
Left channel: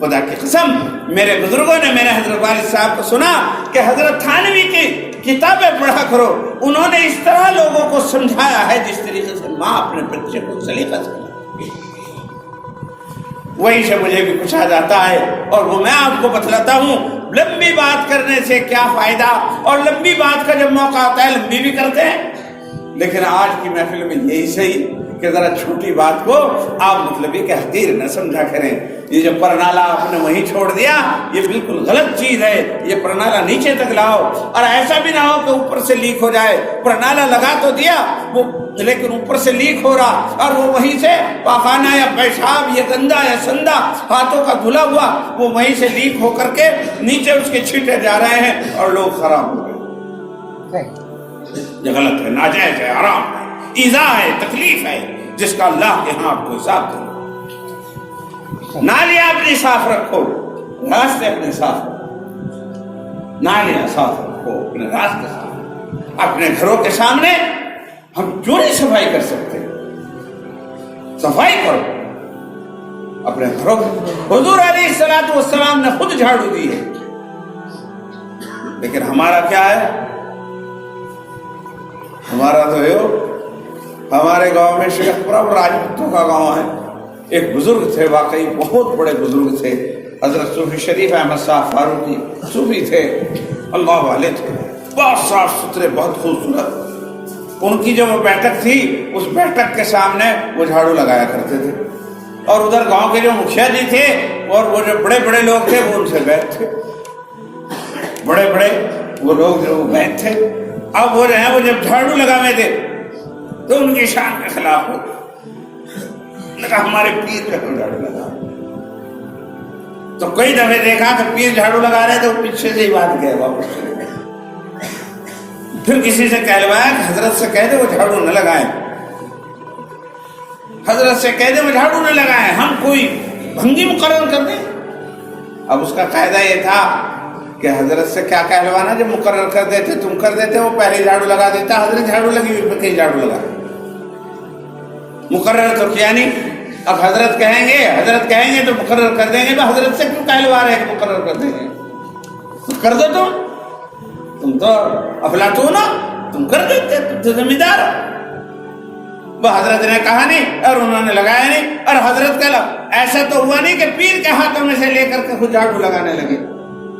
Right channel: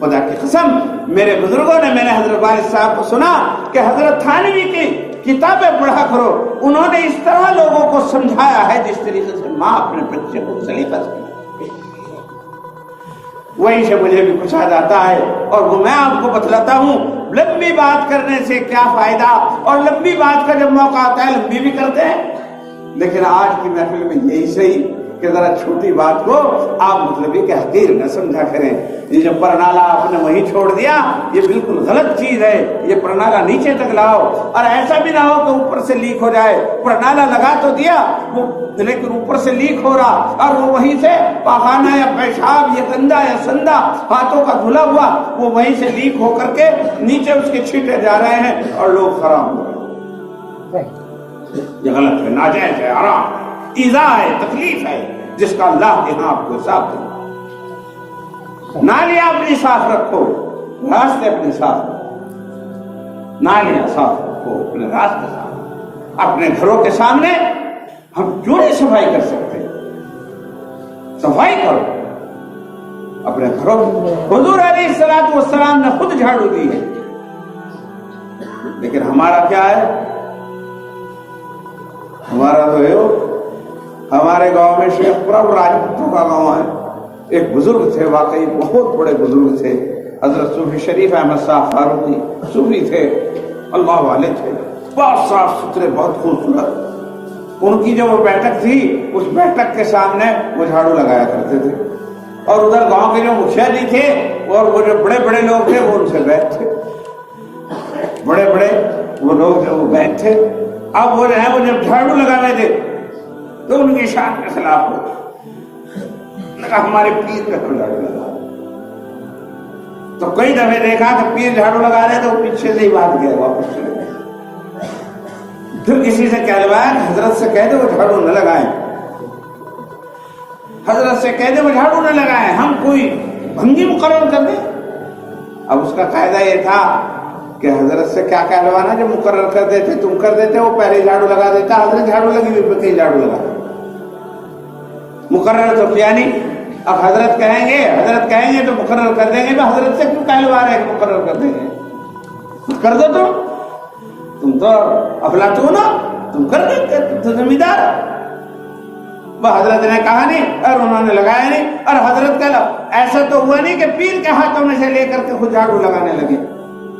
خدا کی قسم میرے بزرگوں نے، میں نے حضرت والد صاحب کو سنا کہ حضرت تھانوی کی کتابیں پڑھا کرو، انہوں نے اس طرح لوگوں کو سمجھایا ہے جس طریقے سے ماں اپنے بچے کو سلیقہ سے، وہیں سے مجھے بھی کچھ آ جاتا ہے اور وہ میں آپ کو بتلاتا ہوں۔ لمبی بات کرنے سے کیا فائدہ، اور لمبی بات کا جب موقع آتا ہے لمبی بھی کرتے ہیں، لیکن آج کی محفل میں یہی صحیح کہ ذرا چھوٹی بات کو آپ مطلب یہ کہ حقیر نہ سمجھا کریں۔ یہ جو پرنالا آپ نے وہیں چھوڑ دیا یہ بالکل غلط چیز ہے، یہ پرنالا نیچے تک لاؤ، اور ایسا بھی نہ ہو کہ اوپر سے لیک ہو جائے۔ پرنالا لگا تو دیا وہ لیکن اوپر سے لیک ہو رہا، اور وہ وہیں سے پاخانہ یا پیشاب یا گندا یا سندا ہاتھوں کا دھلا ہوا وہ وہیں سے لیک ہو کر کے نیچے اس کے چھینٹے جا رہے ہیں اور لوگ خراب ہو گئے۔ یہ غلط ہے، ناجائز ہے، حرام ہے، ایذا ہے، تکلیف ہے، جس کا اللہ کے ہاں آپ کو حساب دیں۔ نالیاں اپنی صاف رکھو، راستے اپنے صاف رکھو، نالیاں صاف رکھو، اپنے راستے صاف، اپنے گھروں کے سامنے ہم کیوں نہیں صفائی کر سکتے؟ صفائی کرو، اپنے اپنے گھروں میں۔ حضور علیہ السلام نے خود جھاڑو دی ہے، لیکن ہمارا کیا ہے؟ ہمارا تو ہے، ہمارے گاؤں میں شیخ پرب راجپوتوں کا گاؤں ہے، ایک بزرگ تھے، واقعی بہت بڑے بزرگ تھے، حضرت صوفی شریف احمد صاحب فاروقی صوفی تھے، اللہ والے تھے، بہت صاف ستھرے، بہت خوبصورت۔ ان کی جو وہ بیٹھک تھی، اس بیٹھک کے سامنے وہ جھاڑو لگایا کرتے تھے، اور ادھر گاؤں کے جو مکھیا جی تھے اور وہ جو بڑے بڑے لوگ تھے وہ ان سے بیٹھ تھے، بڑے بڑے وہ لوگ جو وہ بیٹھ تھے۔ اب وہ جو ہے وہ جب جھاڑو لگانے تھے تو ان کی شان کے خلاف ہو، ہمارے پیر جو جھاڑو لگا، تو کئی دفعے دیکھا کہ پیر جھاڑو لگا رہے تو پیچھے سے ہی بات گیا، واپس چلے گئے۔ پھر کسی سے کہلوایا کہ حضرت سے کہہ دے وہ جھاڑو نہ لگائیں، حضرت سے کہہ دے وہ جھاڑو نہ لگائیں، ہم کوئی بھنگی مقرر کر دیں۔ اب اس کا قاعدہ یہ تھا کہ حضرت سے کیا کہلوانا، جب مقرر کر دیتے تم کر دیتے، وہ پہلے جھاڑو لگا دیتا، حضرت جھاڑو لگی ہوئی پہ کہیں جھاڑو لگا، مقرر تو کیا نہیں۔ اب حضرت کہیں گے تو مقرر کر دیں گے، حضرت سے کیوں کہلوا رہے ہیں مقرر کر دیں گے، کر دو تم تو افلاطون ہو، تم کر دیتے، تم تو زمیندار۔ وہ حضرت نے کہا نہیں اور انہوں نے لگایا نہیں، اور حضرت کا ایسا تو ہوا نہیں کہ پیر کے ہاتھوں میں سے لے کر کے خود جھاڑو لگانے لگے،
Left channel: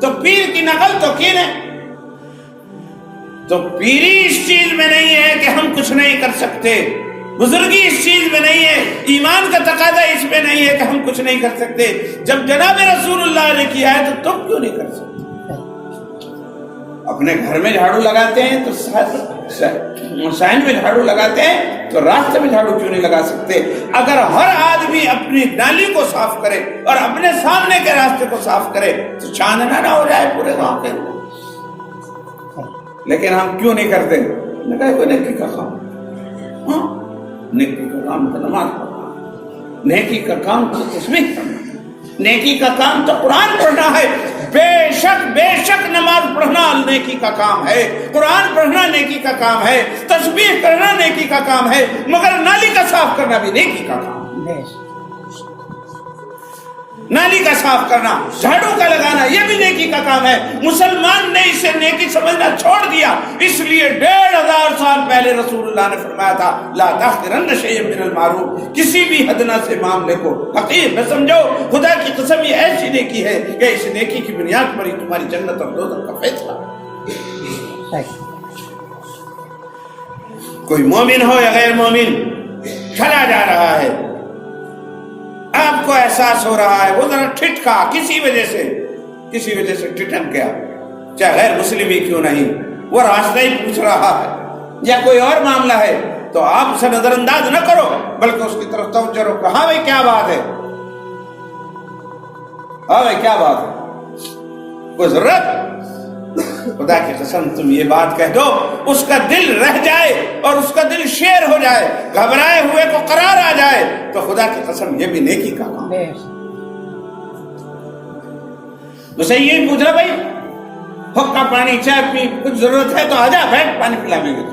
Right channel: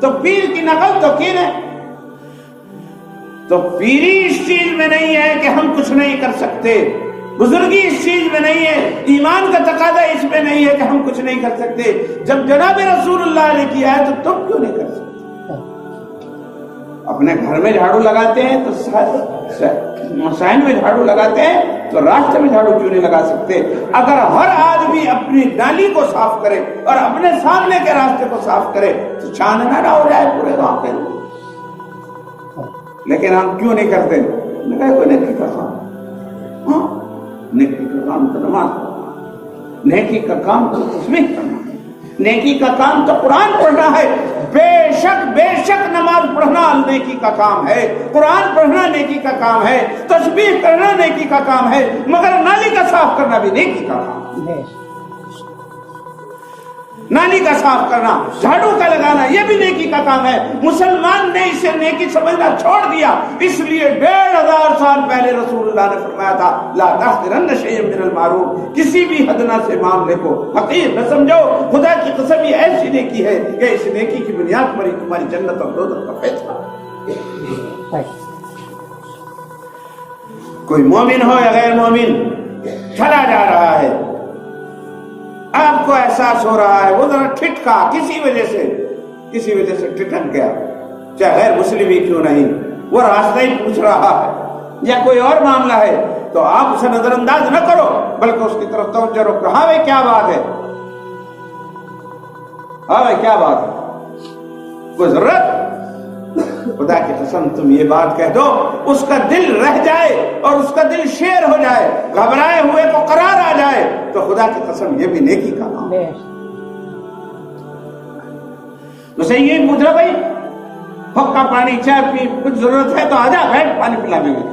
تو پیر کی نقل تو کی نے، تو پیری اس چیز میں نہیں ہے کہ ہم کچھ نہیں کر سکتے، بزرگی اس چیز میں نہیں ہے، ایمان کا تقاضا اس میں نہیں ہے کہ ہم کچھ نہیں کر سکتے۔ جب جناب رسول اللہ نے کیا ہے تو تم کیوں نہیں کر سکتے؟ اپنے گھر میں جھاڑو لگاتے ہیں تو مسائل میں جھاڑو لگاتے ہیں، تو راستے میں جھاڑو کیوں نہیں لگا سکتے؟ اگر ہر آدمی اپنی نالی کو صاف کرے اور اپنے سامنے کے راستے کو صاف کرے تو چاندنا نہ ہو جائے پورے گاؤں کے۔ لیکن ہم کیوں نہیں کرتے؟ نیکی کا کام، نیکی کا کام تو نماز پڑھنا، نیکی کا کام تو تسبیح کرنا، نیکی کا کام تو قرآن پڑھنا ہے۔ بے شک نماز پڑھنا نیکی کا کام ہے، قرآن پڑھنا نیکی کا کام ہے، تسبیح کرنا نیکی کا کام ہے، مگر نالی کا صاف کرنا بھی نیکی کا کام ہے۔ نالی کا صاف کرنا، جھاڑو کا لگانا، یہ بھی نیکی کا کام ہے۔ مسلمان نے اسے نیکی سمجھنا چھوڑ دیا، اس لیے 1500 سال پہلے رسول اللہ نے فرمایا تھا لا تحقرن شیئا من المعروف، کسی بھی ادنا سے معاملے کو حقیر نہ سمجھو، خدا کی قسم یہ ایسی نیکی ہے کہ اس نیکی کی بنیاد پر ہی تمہاری جنت اور دوزخ کا فیصلہ۔ کوئی مومن ہو یا غیر مومن چلا جا رہا ہے، آپ کو احساس ہو رہا ہے وہ ذرا ٹھٹکا، کسی وجہ سے ٹھٹک گیا، چاہے غیر مسلم ہی کیوں نہیں، وہ راستہ ہی پوچھ رہا ہے یا کوئی اور معاملہ ہے، تو آپ اسے نظر انداز نہ کرو، بلکہ اس کی طرف توجہ رکھو۔ ہاں بھائی کیا بات ہے، ہاں بھائی کیا بات ہے، کوئی ضرورت؟ خدا کی قسم تم یہ بات کہہ دو، اس کا دل رہ جائے اور اس کا دل شیر ہو جائے، گھبرائے ہوئے کو قرار آ جائے، تو خدا کی قسم یہ بھی نیکی کا کام ہے۔ اسے یہ پوچھ رہا بھائی حقہ پانی چائے پی، کچھ ضرورت ہے تو آجا بیٹھ پانی پلا لیں گے،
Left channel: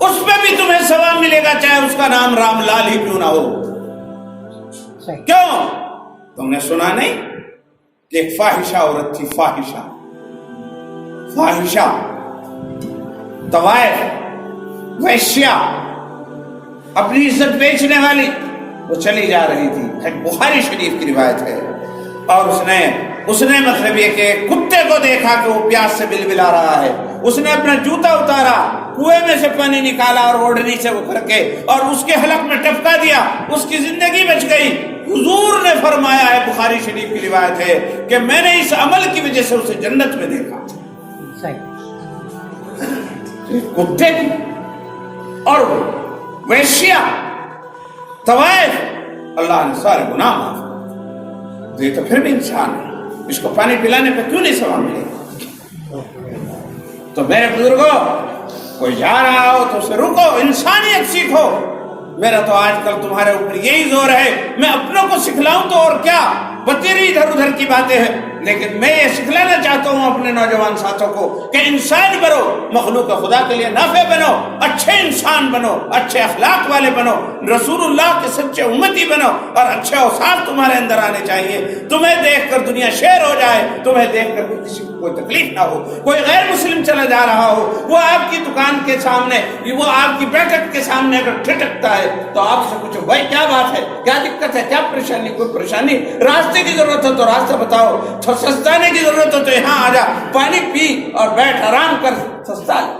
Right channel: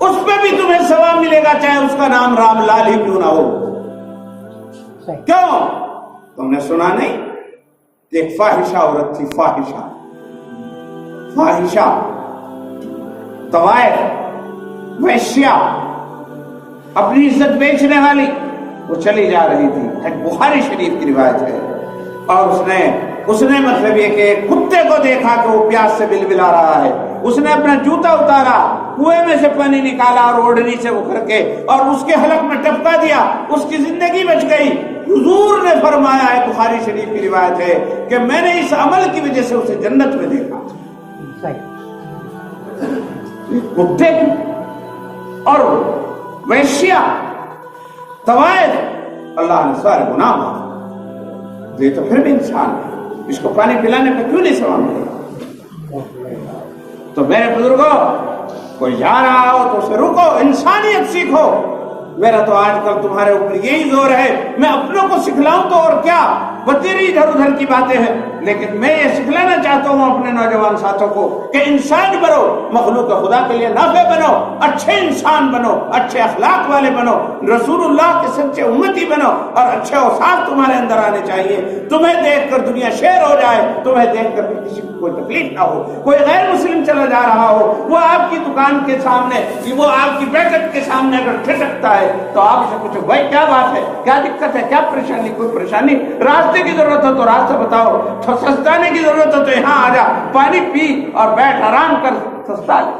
اس پہ بھی تمہیں ثواب ملے گا، چاہے اس کا نام رام لال ہی کیوں نہ ہو۔ کیوں؟ تم نے سنا نہیں کہ ایک فاحشہ عورت تھی، فاحشہ طوائف ویشیا، اپنی عزت بیچنے والی، وہ چلی جا رہی تھی، بخاری شریف کی روایت ہے، اور اس نے مطلب یہ کہ کتے کو دیکھا کہ وہ پیاس سے بلبلا رہا ہے، اس نے اپنا جوتا اتارا، کنویں میں سے پانی نکالا اور اوڑھنی سے وہ کر کے اور اس کے حلق میں ٹپکا دیا، اس کی زندگی بچ گئی۔ حضور نے فرمایا ہے، بخاری شریف کی روایت ہے کہ میں نے اس عمل کی وجہ سے اسے جنت میں دیکھا۔ کتے اور ویشیا طوائف، اللہ نے سارے گناہ معاف دے، تو پھر بھی انسان ہے، اس کو پانی پلانے پہ کیوں نہیں ثواب ملے؟ تو میرے بزرگوں، کوئی جا رہا ہو تو اسے رکو، انسانیت سیکھو۔ میرا تو آج کل تمہارے اوپر یہی زور ہے، میں اپنوں کو سکھلاؤں تو اور کیا، تیری ادھر ادھر کی باتیں ہیں، لیکن میں یہ سکھلانا چاہتا ہوں اپنے نوجوان ساتھوں کو کہ انسان بنو، مخلوق خدا کے لیے نافع بنو، اچھے انسان بنو، اچھے اخلاق والے بنو، رسول اللہ کے سچے امتی بنو، اور اچھے اوصاف تمہارے اندر آنے چاہیے۔ تمہیں دیکھ کر دنیا شیر ہو جائے، تمہیں دیکھ کر کسی کو کوئی تکلیف نہ ہو۔ کوئی غیر مسلم چلا جا رہا ہو، وہ آپ کی دکان کے سامنے، وہ آپ کی بیٹھک کے سامنے اگر ٹھٹکتا ہے تو آپ سے پوچھو بھائی کیا بات ہے، کیا دقت ہے، کیا پریشانی؟ کوئی پریشانی؟ راستے کی ضرورت ہو تو راستہ بتاؤ، سستانے کی ضرورت ہو تو یہاں آ جا، پانی پی اور بیٹھ آرام کر، سستا ہے۔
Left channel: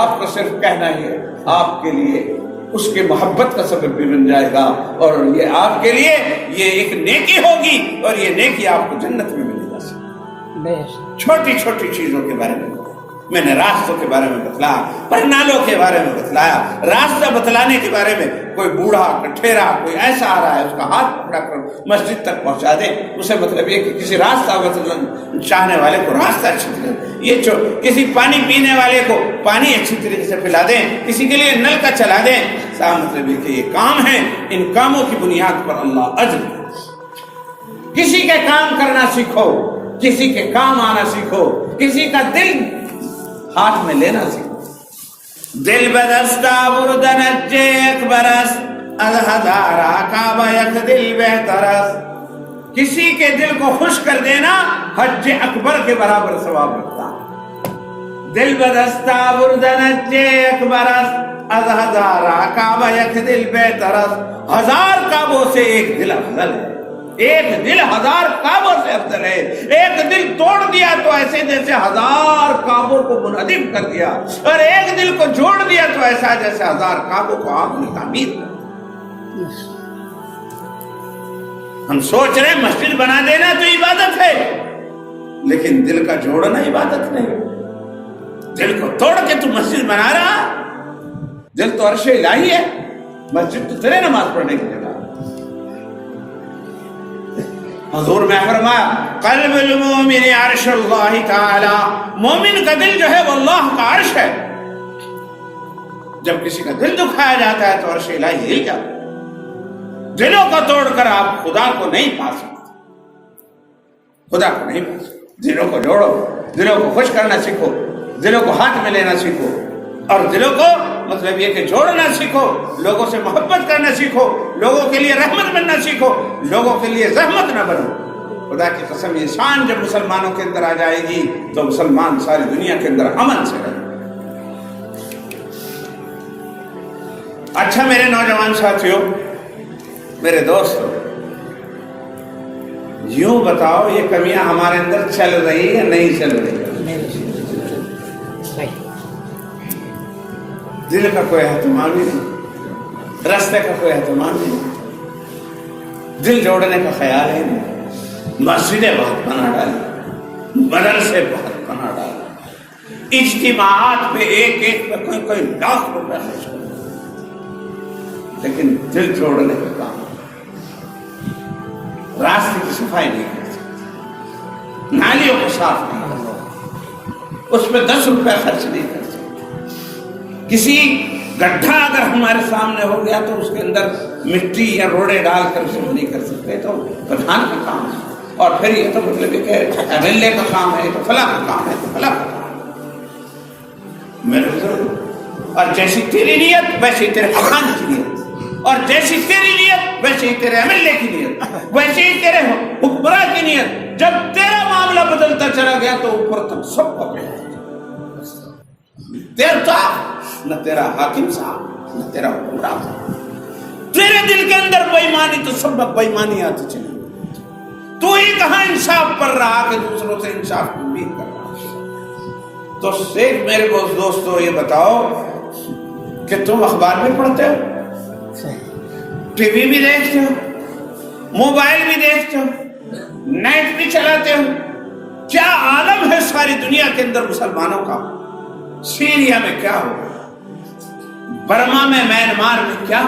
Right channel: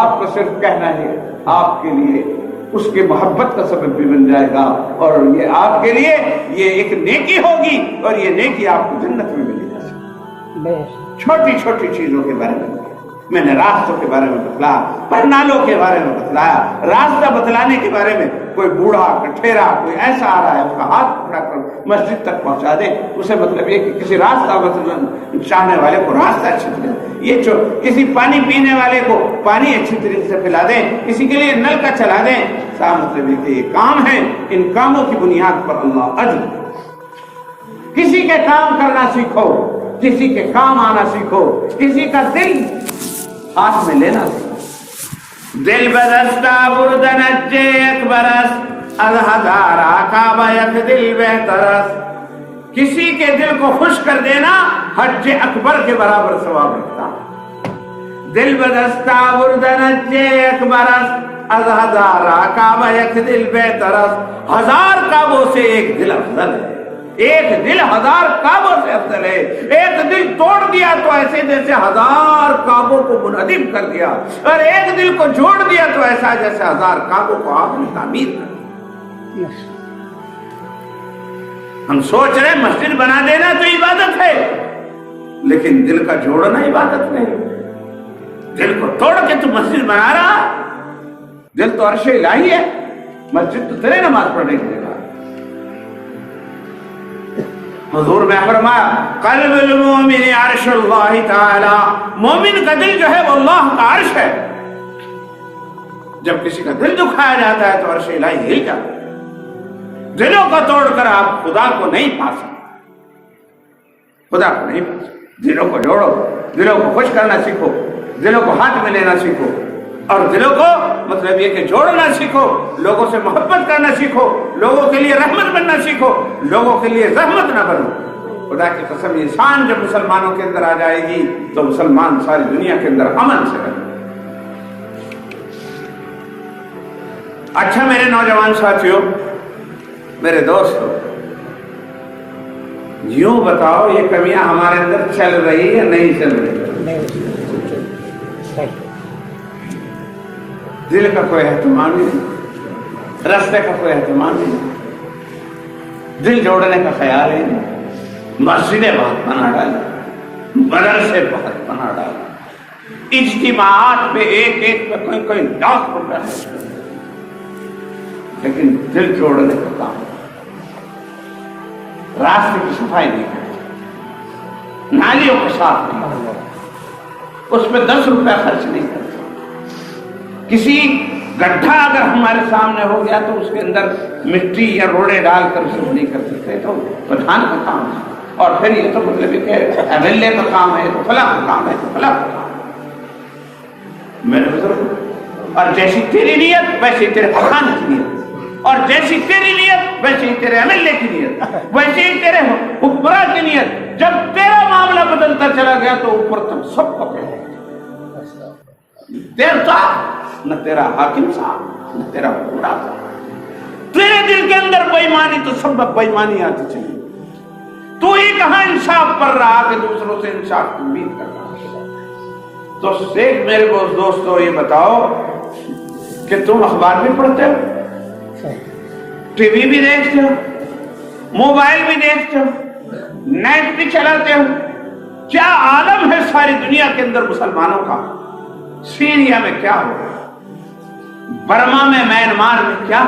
آپ کو صرف کہنا ہے، آپ کے لیے اس کے محبت کا سبب بھی بن جائے گا، اور یہ آپ کے لیے یہ ایک نیکی ہوگی، اور یہ نیکی آپ کو جنت میں ملے گا۔ چھوٹی چھوٹی چیزوں کے بارے میں نے راستوں کے بارے میں بتلایا، پرنالوں کے بارے میں بتلایا، راستہ بتلانے کے بارے میں۔ کوئی بوڑھا کٹھیرا کوئی ایسا آ رہا ہے، اس کا ہاتھ پکڑا کر مسجد تک پہنچا دیں، اسے مطلب یہ کہ کسی راستہ چاہنے والے کو راستہ اچھی طرح، یہ کسی پانی پینے والے کو پانی اچھی طریقے سے پلا دیں، کسی کے لیے نل کا چلا دیں، صاحب مطلب یہ کہ یہ کام ہے، ان کاموں کی بنیاد پر اللہ اجر دے۔ کسی کے کام کرنا سیکھو، کسی کے کام آنا سیکھو، کسی کا دل ہاتھ میں لینا سیکھو۔ دل بدستہ بردن اجے ایک برس، از ہزارہ کعبہ یک دل بہترس۔ کسی کے دل کو خوش کر دینا حج اکبر کے برابر ثواب رکھتا ہے۔ دل بدستہ بردن اجے ایک برس، از ہزارہ کعبہ یک دل بہترس۔ ہزار کعبوں سے ایک دل افضل ہے، ایک دل ہزار کعبوں سے افضل ہے۔ ایک دل توڑ دیا تو ایسے جیسے ہزار کعبوں کو منہدم کر دیا، اور ایک دل کو جوڑ دیا تو ایسا جیسے ہزار کعبوں کو آپ نے تعمیر کر دیا۔ ہم سوچ رہے مسجد بنا دینا تو عبادت ہے، لیکن دل کا جوڑنا عبادت نہیں۔ دل کو توڑ کے تو مسجد بنا رہا، دل تو عرش الہی ہے، مسجد تو تیرے نماز پڑھنے کی جگہ۔ حضور میں فرمایا قلب المومن عرش اللہ تعالی، مومن کا دل جو ہے وہ اللہ کا عرش ہے۔ جب کسی کا دل دکھایا جاتا ہے تو عرش الہی ہل جاتا ہے۔ دلوں کو توڑ کر آپ خدا کو نہیں پا سکتے، خدا کو نہیں پا سکتے۔ دلوں کو جوڑو، دلوں کو خوش کرنا سیکھو، دلوں کو ہاتھ میں لینا سیکھو، اور دلوں کو مطلب یہ کہ جوڑنا سیکھو، لوگوں سے محبت کرنا سیکھو، لوگوں کے لیے رحمت بننا سیکھو، لوگوں کے لیے زحمت نہ بنو۔ خدا کی قسم یہ شان جب مسلمانوں کے اندر آ جائے گی تو مسلمان ساری دنیا کے اندر امن سے رہے۔ اچھا میرے نوجوان ساتھیوں، میرے دوست، یوں بتاؤ یہ کمیاں ہمارے اندر چل رہی یا نہیں چل رہی؟ دل کا کوئی اہتمام ہی نہیں، راستے کا کوئی اہتمام ہی نہیں، دل جوڑنے کا خیال ہی نہیں۔ مسجدیں بہت بنا ڈالی، مدرسے بہت بنا ڈالا، اجتماعات میں ایک ایک میں کوئی لاکھ روپے ہے، لیکن دل جوڑنے کا کام، راستے کی صفائی نہیں کر سکتے، نالیوں کو صاف نہیں کر سکتے، اس پہ 10 روپے خرچ نہیں کر سکتے۔ کسی گڈھا اگر ہمارے سامنے ہو گیا تو اس کے اندر مٹی یا روڑے ڈال کر اسے نہیں کر سکتے، تو پردھان کا کام ہے، اور پھر یہ تو مطلب یہ کہ MLA کا کام ہے، تو فلاں کا کام ہے، تو فلاں کا کام ہے۔ میرے بزرگ، اور جیسی تیری نیت ویسی تیرے خان کی نیت، اور جیسی تیری نیت ویسے ہی تیرے MLA کی نیت، ویسے ہی تیرے حکمراں کی نیت۔ جب تیرا معاملہ بدلتا چلا گیا تو اوپر تک سب کو دیر تھا، نہ تیرا حاکم صاحب نہ تیرا حکمراں صاحب۔ تیرے دل کے اندر بے ایمانی تو سب بےایمانی آتی چلی، تو ہی کہاں انصاف پر رہا کہ دوسروں سے انصاف کی امید کر رہا۔ تو شیخ میرے دوستو یہ بتاؤ کہ تم اخبار بھی پڑھتے ہو، ٹی وی بھی دیکھتے ہو، موبائل بھی دیکھتے ہو، نیٹ بھی چلاتے ہو، کیا عالم ہے ساری دنیا کے اندر مسلمانوں کا؟ سیریا میں کیا ہو رہا ہے، برما میں، میانمار میں کیا،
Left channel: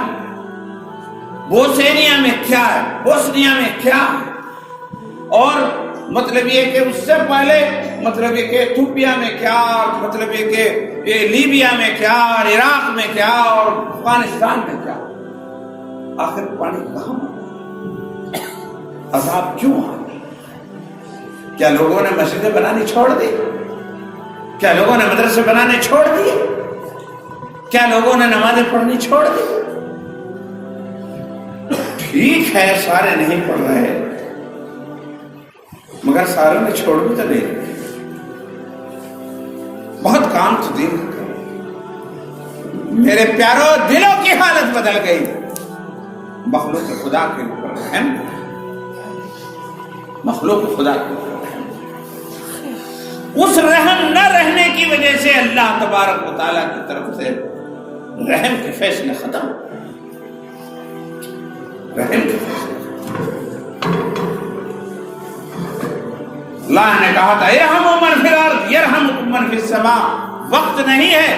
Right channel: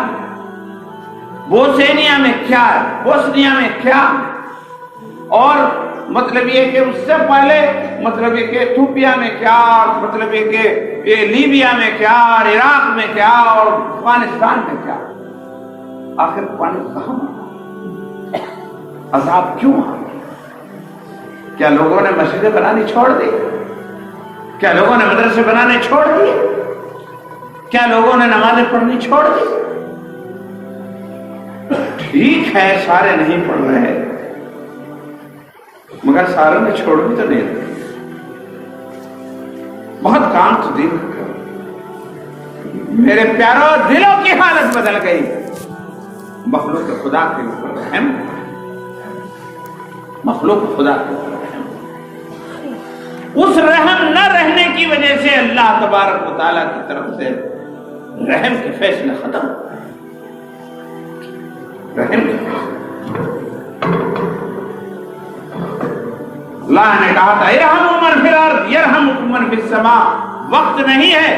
بوسنیا میں کیا ہے، بوسنیا میں کیا، اور مطلب یہ کہ اس سے پہلے مطلب یہ کہ ایتھوپیا میں کیا، مطلب یہ کہ لیبیا میں کیا، اور عراق میں کیا، اور افغانستان میں کیا۔ آخر پانی کہاں؟ عذاب کیوں آ گیا؟ کیا لوگوں نے مسجدیں بنانی چھوڑ دی؟ کیا لوگوں نے مدرسے بنانے چھوڑ دیے؟ کیا لوگوں نے نمازیں پڑھنی چھوڑ دی؟ ٹھیک ہے سارے نہیں پڑھ رہے، مگر ساروں نے چھوڑ بھی تو نہیں رہے۔ بہت کام تو دین کا کرو۔ میرے پیاروں، دلوں کی حالت بدل گئی۔ مخلوق خدا کے اوپر رحم، مخلوق خدا کے اوپر رحم، اس رحم نہ رہنے کی وجہ سے اللہ تبارک و تعالیٰ کی طرف سے رحم کے فیصلے ختم، رحم کے فیصلے۔ اللہ نے کہا تھا ارحموا من فی الارض یرحمکم من فی السماء۔ وقت نہیں ہے،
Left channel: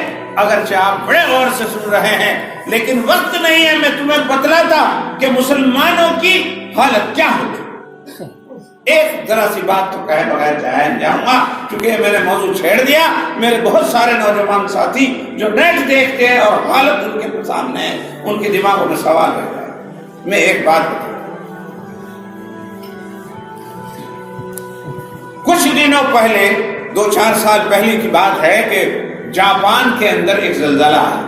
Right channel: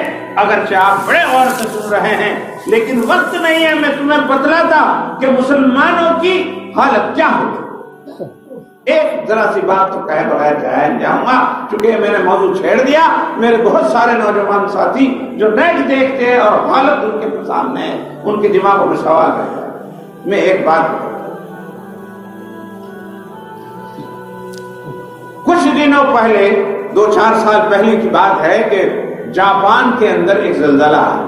اگرچہ آپ بڑے غور سے سن رہے ہیں، لیکن وقت نہیں ہے۔ میں تمہیں بتلاتا کہ مسلمانوں کی حالت کیا ہوتی۔ ایک ذرا سی بات تو کہے بغیر جاؤں گا، چونکہ میں نے موضوع چھیڑ دیا۔ میرے بہت سارے نوجوان ساتھی جو نیٹ دیکھتے ہیں اور حالت ان کے سامنے ہے، ان کے دماغوں میں سوال رہتا ہے۔ میں ایک بات بتاتا ہوں۔ کچھ دنوں پہلے، 2-4 سال پہلے کی بات ہے کہ جاپان کے اندر ایک زلزلہ آیا،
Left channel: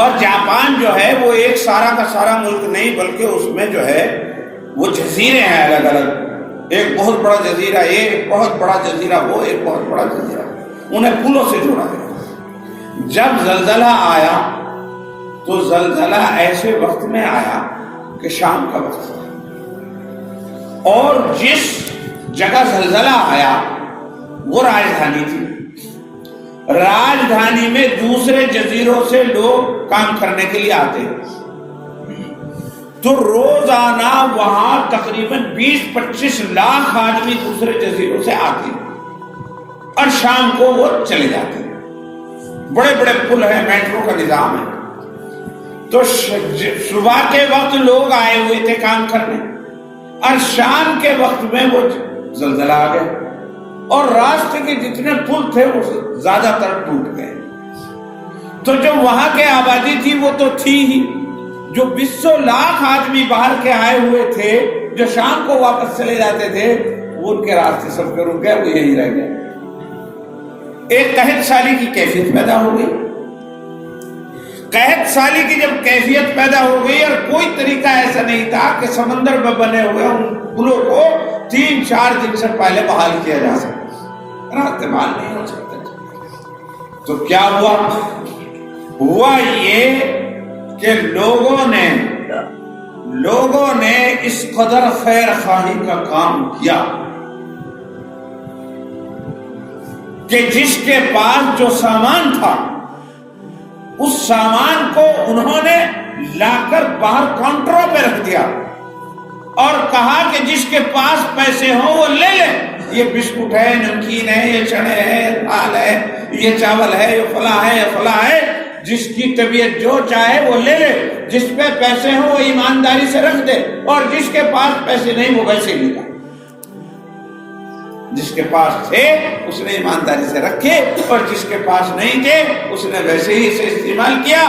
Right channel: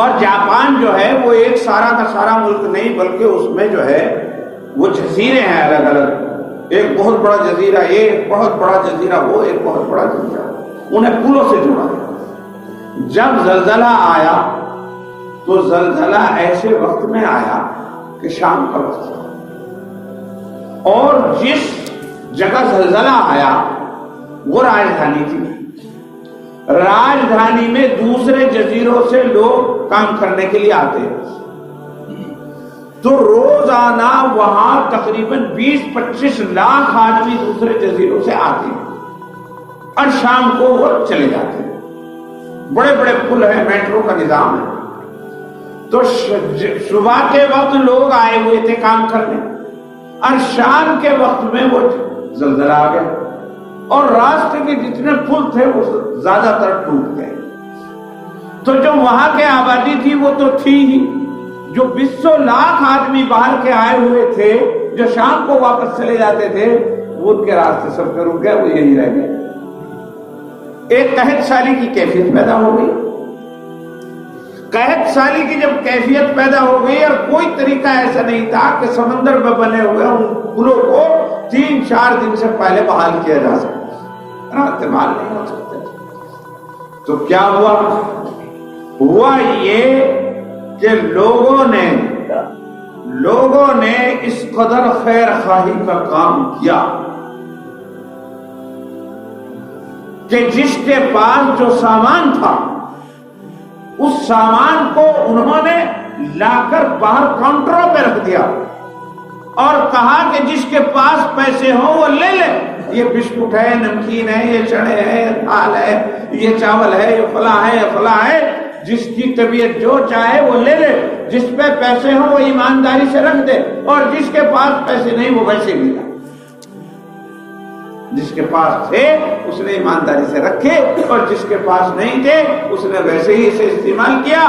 اور جاپان جو ہے وہ ایک سارا کا سارا ملک نہیں، بلکہ اس میں جو ہے وہ جزیرے ہیں الگ الگ۔ ایک بہت بڑا جزیرہ یہ، ایک بہت بڑا جزیرہ وہ، ایک بہت بڑا جزیرہ، انہیں پلوں سے جوڑا گیا۔ جب زلزلہ آیا تو زلزلہ ایسے وقت میں آیا کہ شام کا وقت تھا، اور جس جگہ زلزلہ آیا وہ راجدھانی تھی۔ راجدھانی میں دوسرے جزیروں سے لوگ کام کرنے کے لیے آتے ہیں، تو روزانہ وہاں تقریباً 20-25 لاکھ آدمی دوسرے جزیروں سے آتے ہیں، اور شام کو وہ چلے جاتے ہیں۔ بڑے بڑے پل ہیں، میٹرو کا نظام ہے۔ تو صبح کے وقت لوگ آئے ہوئے تھے کام کرنے، اور شام کے وقت میں وہ زلزلہ آ گیا، اور راستے کے جتنے پل تھے وہ زیادہ تر ٹوٹ گئے۔ تو جو وہاں کے آبادی تھی وہ تو تھی ہی، جو 20 لاکھ آدمی باہر کے آئے ہوئے تھے جو شام کو واپس چلے جاتے تھے، وہ ان کے راستے سب پہ رک گئے، وہ یہی رہ گئے۔ ایک قحط سالی کی کیفیت پیدا ہو گئی۔ قحط سالی کی جب کیفیت پیدا ہو گئی، اور کوئی طریقہ ایسا نہیں تھا کہ سمندر میں بنے ہوئے ان پلوں کو 3-4 دن سے پہلے بحال کیا جا سکتا، رات بحال نہیں ہو سکتے۔ تو کیا ہوا؟ ہوا یہ کہ لوگوں نے اس قدر خیر خواہی کا کام کیا کہ جس کے پاس جو سامان تھا، اس سامان کو انہوں نے لا کر باہر کاؤنٹروں پہ رکھ دیا، اور کہا کہ جس کے پاس پیسے ہوں وہ لے لے۔ یہ بسکٹ ہے، نمکین ہے، یہ چنے ہے، دال ہے، یہ چاول ہے، یہ فلاں ہے، یہ فلاں ہے، جس کی طبیعت جو چاہے وہ لے لے۔ جس پہ پیسے ہوں وہ ایمانداری سے رکھ دے، اور جس کے پاس پیسے نہیں وہ ویسے ہی لے۔ جس کے پاس تھے اس نے ایمانداری سے رکھے، اور جس کے پاس نہیں تھے اس نے ویسے ہی اسے استعمال کیا۔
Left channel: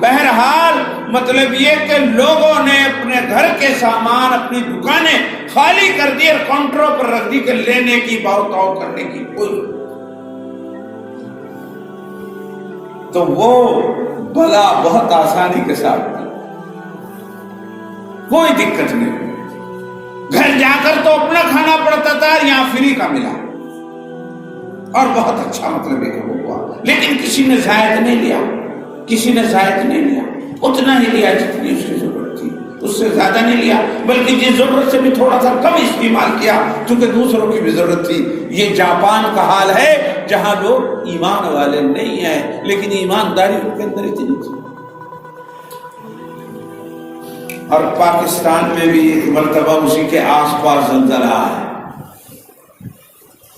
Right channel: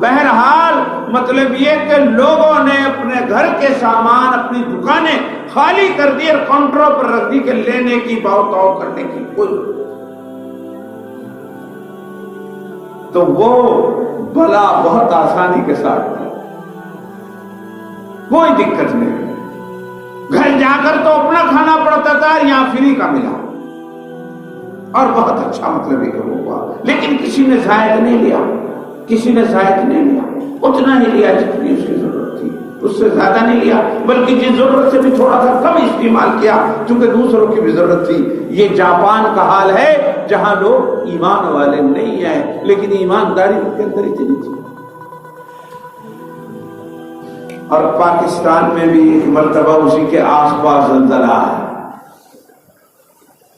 بہرحال مطلب یہ کہ لوگوں نے اپنے گھر کے سامان، اپنی دکانیں خالی کر دی اور کاؤنٹروں پر رکھ دی کہ لینے کی بہتاؤ کرنے کی کوئی۔ تو وہ بلا بہت آسانی کے ساتھ، کوئی دقت نہیں، گھر جا کر تو اپنا کھانا پڑتا تھا، یہاں فری کا ملا، اور بہت اچھا مطلب یہ ہوا۔ لیکن کسی نے زائد نہیں لیا، کسی نے زائد نہیں لیا، اتنا ہی لیا جتنی اس کی ضرورت تھی، اس سے زیادہ نہیں لیا، بلکہ جس ضرورت سے بھی تھوڑا سا کم استعمال کیا، کیونکہ دوسروں کی بھی ضرورت تھی۔ یہ جاپان کا حال ہے جہاں لوگ ایمان والے نہیں ہیں، لیکن ایمانداری ان کے اندر اتنی تھی۔ اور پاکستان میں بھی ایک مرتبہ اسی کے آس پاس زلزلہ آیا،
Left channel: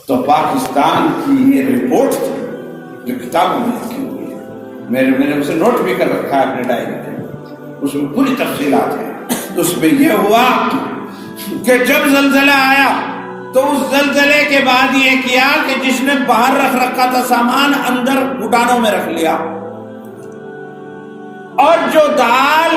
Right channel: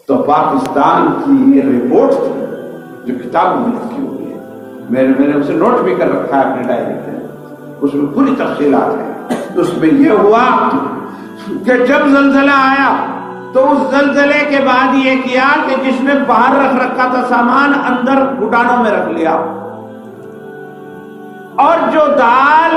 تو پاکستان کی یہ رپورٹ تھی جو کتابوں میں لکھی ہوئی ہے، میں نے اسے نوٹ بھی کر رکھا ہے اپنے ڈائری میں، اس میں پوری تفصیلات ہیں۔ اس میں یہ ہوا کہ جب زلزلہ آیا تو اس زلزلے کے بعد یہ کیا کہ جس نے باہر رکھ رکھا تھا سامان، اندر گڈانوں میں رکھ لیا، اور جو دال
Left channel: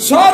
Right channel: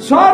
100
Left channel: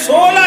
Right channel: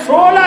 16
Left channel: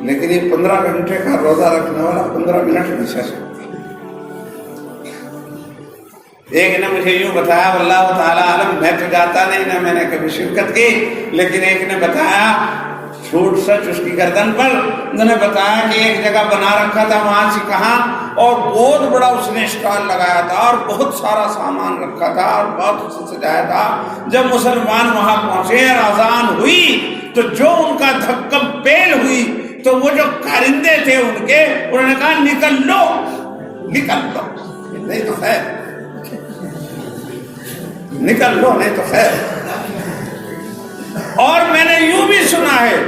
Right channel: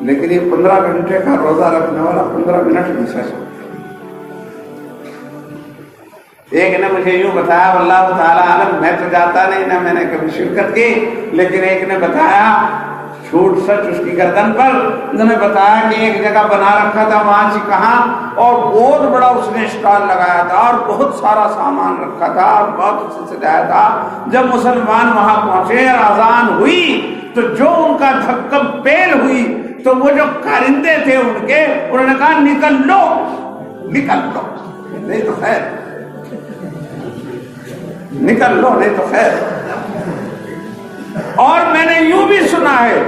لیکن یہ 15 گھنٹے کا روزہ رکھنے والا 15 منٹ بھی سچ۔ ایک نے مجھے یوں بتایا، واللہ تعالیٰ عالم، میں تو جاتا نہیں، نہ میں نے کبھی شرکت کی، لیکن ایک نے بتایا چھوٹ سچ اس کی گردن پر، انہوں نے بتایا کہ ایک جگہ بنا رکھا تھا وہاں سے کہاں، اور بہت بڑا اس نے اسٹال لگایا تھا اور بہت سارا سامان رکھا تھا اور بہت اسے سجایا تھا۔ جب مسلمان وہاں پہنچے اور اذان ہوئی تو جو ان کا دھکم پیل ہوئی تو وہ جو کارندے تھے ان کے، انہوں نے کہا نکل لو نکل لو، نہیں تو خیر، نکل لو نہیں تو خیر۔ اور میں نے یوں بھی سنا ہے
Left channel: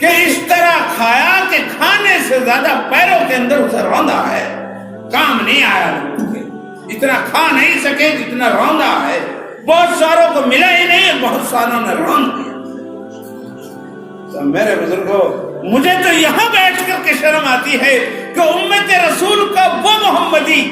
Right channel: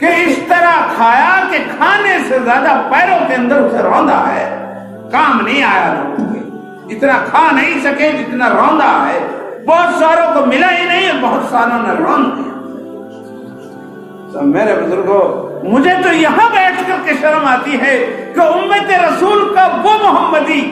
کہ اس طرح کھایا کہ کھانے سے زیادہ پیروں کے اندر اسے روندا ہے، کام نہیں آیا لوگوں کے، اتنا کھا نہیں سکے جتنا روندا ہے، بہت ساروں کو ملا ہی نہیں، بہت ساروں نے روند دیا۔ تو میرے بزرگوں، مجھے تو یہاں بیٹھ کر کے شرم آتی ہے کہ امت رسول کا وہ محمدی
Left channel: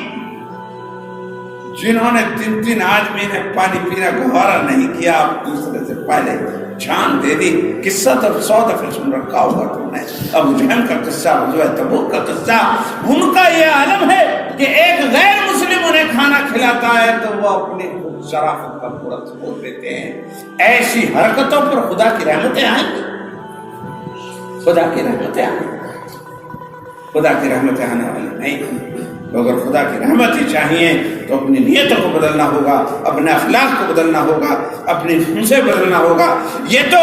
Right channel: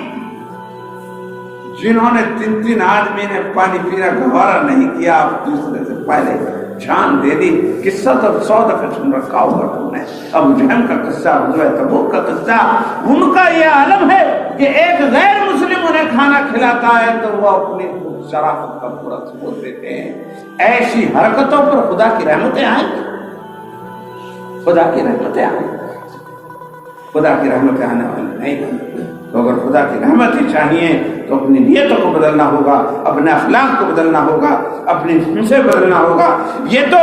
جنہوں نے 3 آدمی نے پانی پینا گوارا نہیں کیا، آپ دوسرے سے پہلے جان دے دی۔ قصہ تو 100 دفعہ سن رکھا ہوگا تم نے، ابو جہل کا قصہ، غزوہ تبوک کا قصہ۔ ان کا یہ عالم ہے کہ ایک غیر مسلم انہیں کھانا کھلاتا ہے تو وہ اپنی شرافت کا پورا ثبوت دیتے ہیں۔ ایسی حرکتوں پر خدا کی رحمتیں آئیں گی، خدا کی رحمتیں آئیں گی، خدا کی رحمتیں آنے والی نہیں ہیں۔ اگر خدا کی رحمت ہی چاہیے تو اپنی نیتوں کو بدلنا ہوگا، اپنے اخلاق کو بدلنا ہوگا، اپنی سے بدلنا ہوگا۔ یہ تو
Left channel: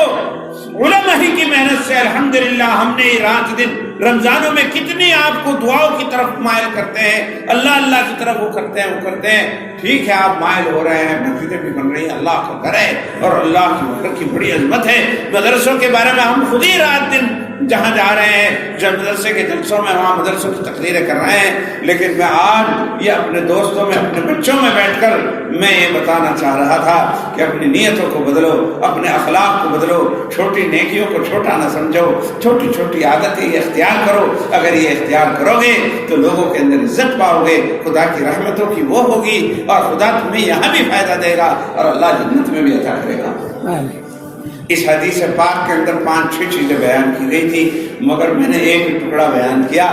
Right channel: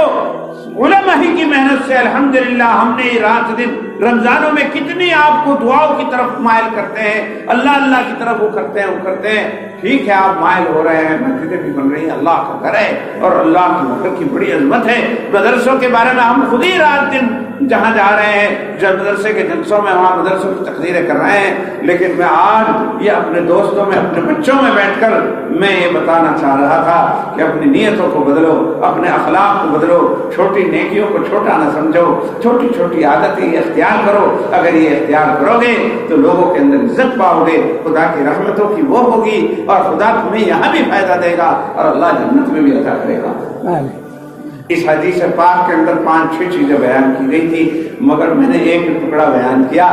علماء ہی کی محنت سے الحمدللہ ہم نے رات دن رمضانوں میں کتنی آپ کو دعاؤں کی طرف مائل کرتے ہیں، اللہ اللہ کی طرف وہ کرتے ہیں۔ ٹھیک ہے، آپ مائل ہو رہے ہیں، مسجدیں بھی بن رہی ہیں، اللہ کا گھر ہے اور اللہ کی گھر کی بڑی عظمت ہے۔ مدرسوں کے بارے میں ہم خود ہی رات دن جہاں جا رہے ہیں، جب مدرسے کے جلسوں میں وہاں مدرسوں کی تقریریں کر رہے ہیں، لیکن میں آج یہ اپنے دوستوں میں، اپنے بچوں میں بیٹھ کر میں یہ بتانا چاہ رہا تھا کہ اپنی نیتوں کو بدلو، اپنے اخلاق کو بدلو، چھوٹی نیکیوں کو چھوٹا نہ سمجھو، چھوٹی چھوٹی عادتیں یہ اختیار کرو۔ اگر یہ اختیار کرو گے تو لوگوں کے اندر عزت پاؤ گے، خدا کی رحمتوں کی وہ ہوگی، اور خدا تمہیں یہاں بھی فائدہ دے گا اور اللہ جنت میں بھی عطا کرے گا۔ اس حدیث پاک کے اندر 5-6 چیزیں بیان کی گئی تھی، مگر میں نے ایک ٹکڑا بیان کیا،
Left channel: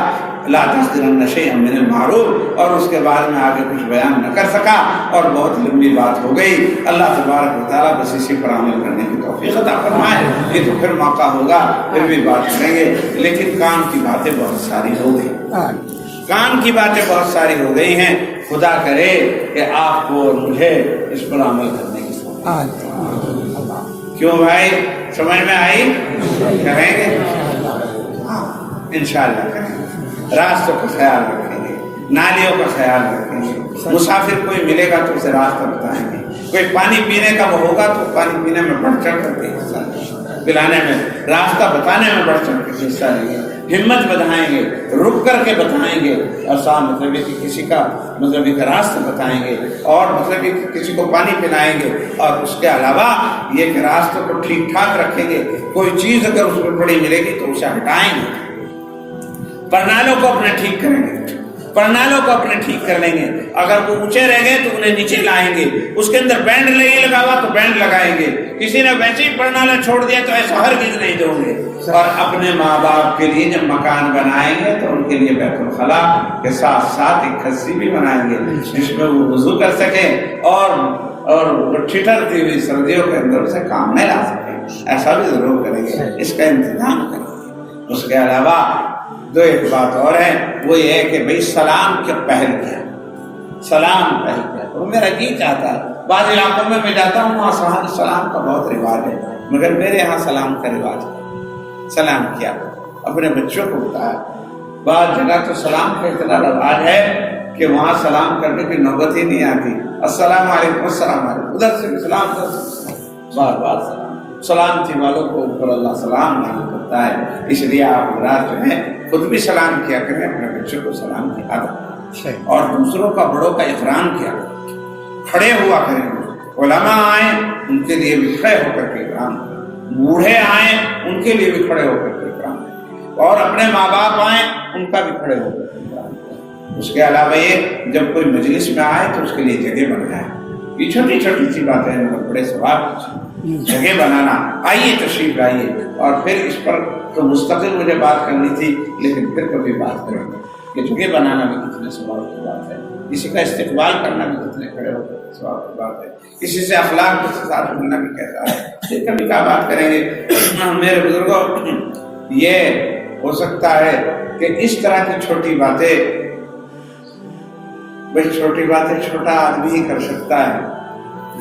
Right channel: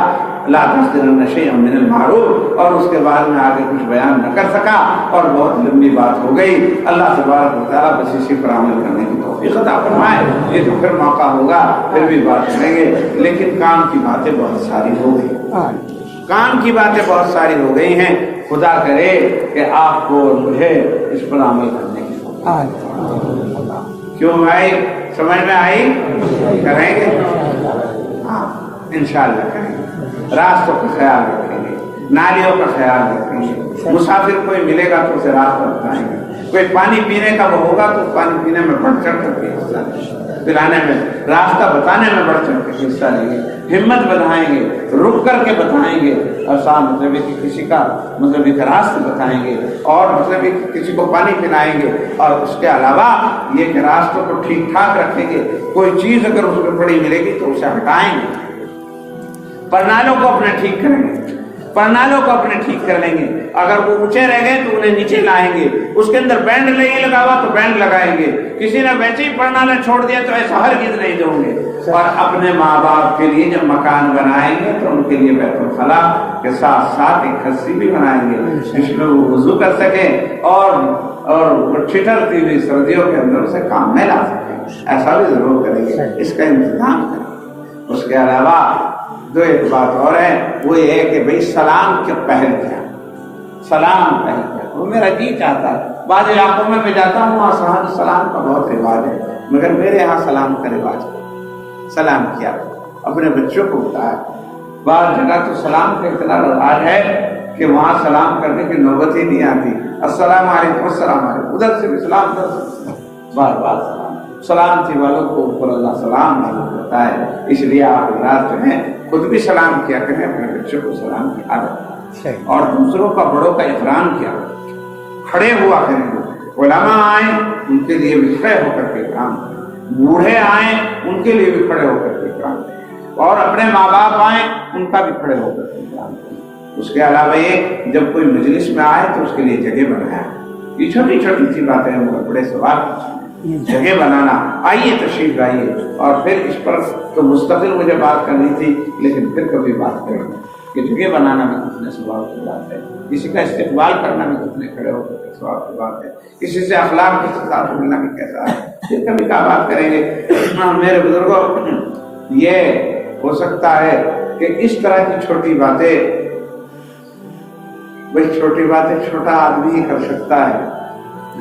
لا تحقرن شیئا من المعروف، اور اس کے بعد میں آگے کچھ بیان نہ کر سکا اور بہت لمبی بات ہو گئی۔ اللہ تبارک و تعالیٰ بس اسی پر عمل کرنے کی توفیق عطا فرمائے۔ یہ تو پھر موقع ہوگا، پھر بھی بات کریں گے، لیکن کام کی باتیں بہت ساری ہو گئی، کام کی باتیں بہت ساری ہو گئی ہیں۔ خدا کرے کہ آپ کو اور مجھے اس پر عمل کرنے کی توفیق۔ کیوں بھائی، سمجھ میں آئی؟ کریں گے انشاءاللہ، کریں گے۔ راستوں کا خیال رکھیں گے، نالیوں کا خیال رکھیں گے، مسافر کوئی ملے گا تو اسے راستہ بتائیں گے، کوئی پانی پینے کا وہ ہوگا تو پانی پینے میں بڑھ چڑھ کر کے حصہ لیں گے، پلانے میں، راستہ بتانے میں بڑھ چڑھ کے حصہ لیں گے، ہمت بتائیں گے، رک کر کے بتائیں گے، اور ساتھ مطلب کہ کسی کا مطلب ایک راستہ بتائیں گے، اور مطلب کہ کسی کو پانی پلائیں گے، اور اس کے علاوہ یہ کہ راستوں کو ٹھیک ٹھاک رکھیں گے۔ کوئی چیز اگر اس میں پڑی ملے گی تو اسے ہٹائیں گے، پرنالوں کو اپنے ٹھیک کریں گے، پرنالوں کو اپنے ٹھیک کر لیں گے، اگر وہ اونچے رہ گئے تو انہیں نیچے لائیں گے، اس کے اندر بینڈ نہیں لگا ہوا تو بینڈ لگائیں گے، کسی نے ویسے ہی پرنالا چھوڑ دیا تو ایسا ہرگز نہیں دوں گے۔ اور اپنے ماں باپ کے لیے جب مکان بنائیں گے تو ان کے لیے بیت الخلاء کے ساتھ ساتھ ایک کھسی بھی بنائیں گے جس میں وہ وضو کر سکیں اور ٹھٹرتی ہوئی سردیوں کے اندر اسے کام میں لا سکیں، ایسا بھی ضرور کریں گے، اس کا انتظام کریں گے۔ اس کے علاوہ دو ایک بات اور ہے، وہ یہ ہے کہ بھئی سلام کے پہل کیا، سلام پہل کیا۔ وہ میرا جی چاہتا ہے، بعض علاقوں میں جاتا ہوں وہاں سلام کا بہت رواج ہے، مگر میرے یہاں سلام کا رواج ہے۔ سلام کیا، اپنے بچوں کو بتایا۔ بعض جگہ تو سلام کا اتنا رواج ہے کہ وہاں سلام کرنے کی نوبت ہی نہیں آتی، السلام علیکم السلام علیکم، ادھر سے بھی سلام، ادھر سے بھی سلام، بار بار سلام۔ سلامتی والوں کو اوپر اللہ سلام نہیں کرتا ہے، اس لیے آپ حضرات جو ہیں خود بھی سلام کیا کریں، اپنے بچوں کو سلام کی عادت، اور دوسروں کا بڑوں کا احترام کیا کریں، کھڑے ہوا کریں۔ علماء آئیں ان کے لیے بھی کھڑے ہو کر کے احترام کریں، بوڑھے آئیں ان کے لیے بھی کھڑے ہو کر کے احترام کریں، اور اپنے ماں باپ آئیں ان کا بھی کھڑے ہو کر کے احترام کریں۔ اس کے علاوہ یہ جب کوئی مجلس میں آئے تو اس کے لیے جگہ بنایا، یہ چھوٹی چھوٹی سی باتیں ہیں مگر بڑے ثواب کی چیزیں۔ جگہ بنانا. آئیے تشریف لائیے. اور پھر اس پر تو مستقل مجھے بات کرنی تھی لیکن پھر کبھی بات کروں گا کہ جگہ بنانا بھی کتنے ثواب کی بات ہے, کسی کا استقبال کرنا بھی کتنے کھڑے ہو کر ثواب کی بات ہے, کسی سے اخلاق کے ساتھ ملنا بھی کیسا ہے. یہ کبھی کیا بات کریں گے. میرے بزرگوں, یہ ہو سکتا ہے کہ اس طرح کی چھوٹی باتیں, بھئی چھوٹی باتیں چھوٹا آدمی ہی کر سکتا ہے,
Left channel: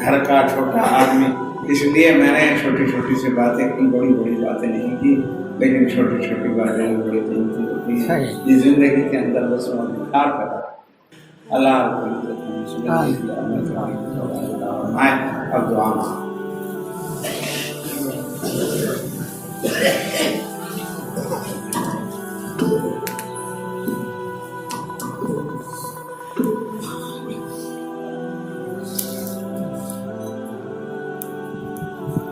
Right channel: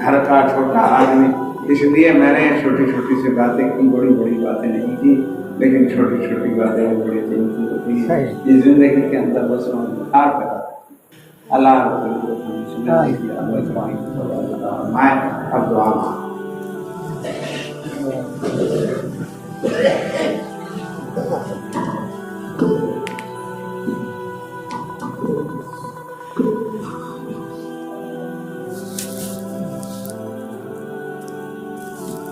گھر کا چھوٹا آدمی. اس لیے میں نے چھوٹی چھوٹی سی باتیں کی, بڑی بڑی باتیں نہیں کی, لیکن چھوٹی چھوٹی باتیں بڑی قیمتی ہوتی ہیں. یہ زندگی کے اندر بس پیدا اللہ اب دعا.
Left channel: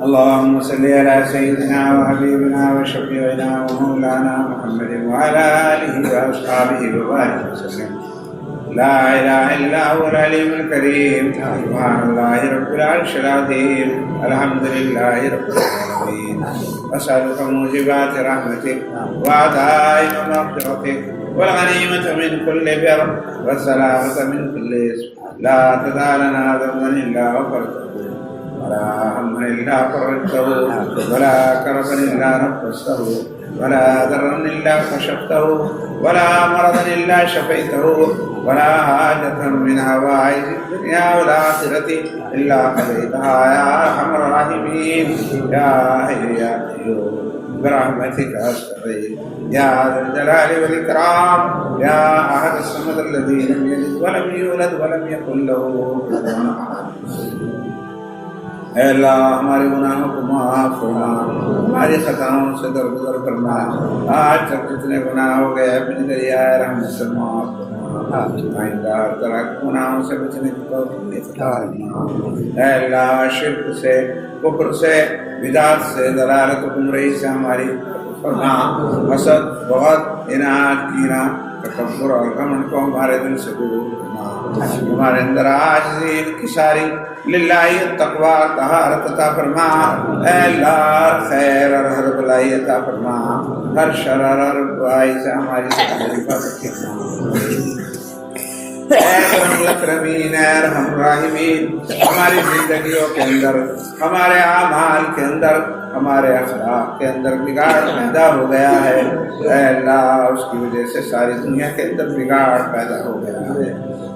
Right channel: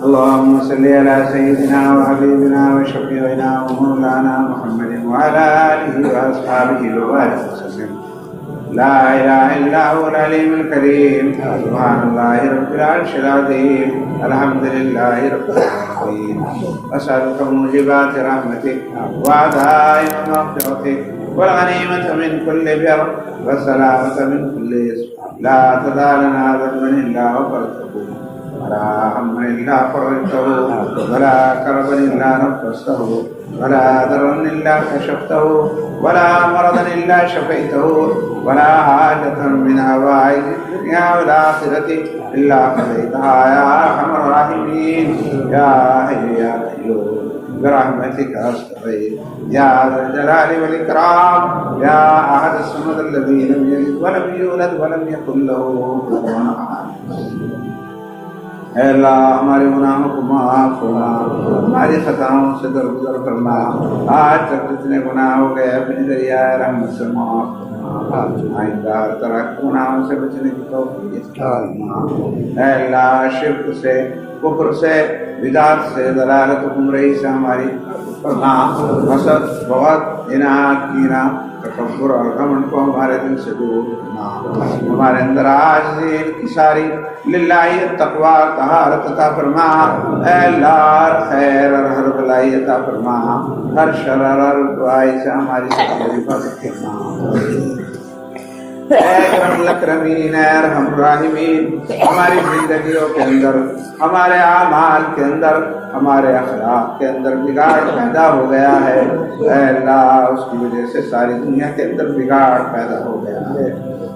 اللهم صل على سيدنا وحبيبنا وشفيعنا ومولانا محمد وعلى آله وأصحابه وبارك وسلم. لا إله إلا هو العليم الكريم. سبحان الله رب العرش العظيم. الحمد لله رب العالمين. أسألك موجبات رحمتك وعزائم مغفرتك والغنيمة من كل بر والسلامة من كل إثم. لا تدع لنا ذنبا إلا غفرته ولا هما إلا فرجته ولا كربا إلا نفسته ولا ضرا إلا كشفته ولا مرضا إلا شفيته ولا حاجة من حوائج الدنيا والآخرة إلا قضيتها يا أرحم الراحمين. يا حي يا قيوم برحمتك أستغيث يا ذا الجلال والإكرام. يا أحد الصمد الذي لم يلد ولم يولد ولم يكن له كفوا أحد. اے اللہ ہمارے گناہوں کو معاف فرما, ہماری خطاؤں سے درگزر فرما. آج تک جتنے گناہ ہو گئے اپنی دریائے رحمت سے معاف فرما. آئندہ ہر طرح کے گناہوں سے بچنے کی توفیق فرما. اے اللہ شرک سے, کفر سے, بدعت سے, ضلالت و گمراہی سے ہماری فرما. حسد, بغض, اناد, کینہ, تکبر اور گھمنڈ کو ہمارے دل سے دور کرنا. ہمارے اندر عاجزی, انکساری, للہ التقوی, طہارت عطا فرما. اے اللہ ہر خیر اور ہر بلائی عطا فرما. ہر شر اور ہر برائی سے ہماری حفاظت فرما. اے اکرم الاکرمین, اے ارحم الراحمین, ہماری زندگیوں کے اندر, ہمارے اعمال کے اندر, ہمارے اخلاق کے اندر بگاڑ پیدا ہو گیا ہے. اے اللہ اس کی وجہ سے ساری دنیا کے اندر بگاڑ پیدا ہو گیا ہے.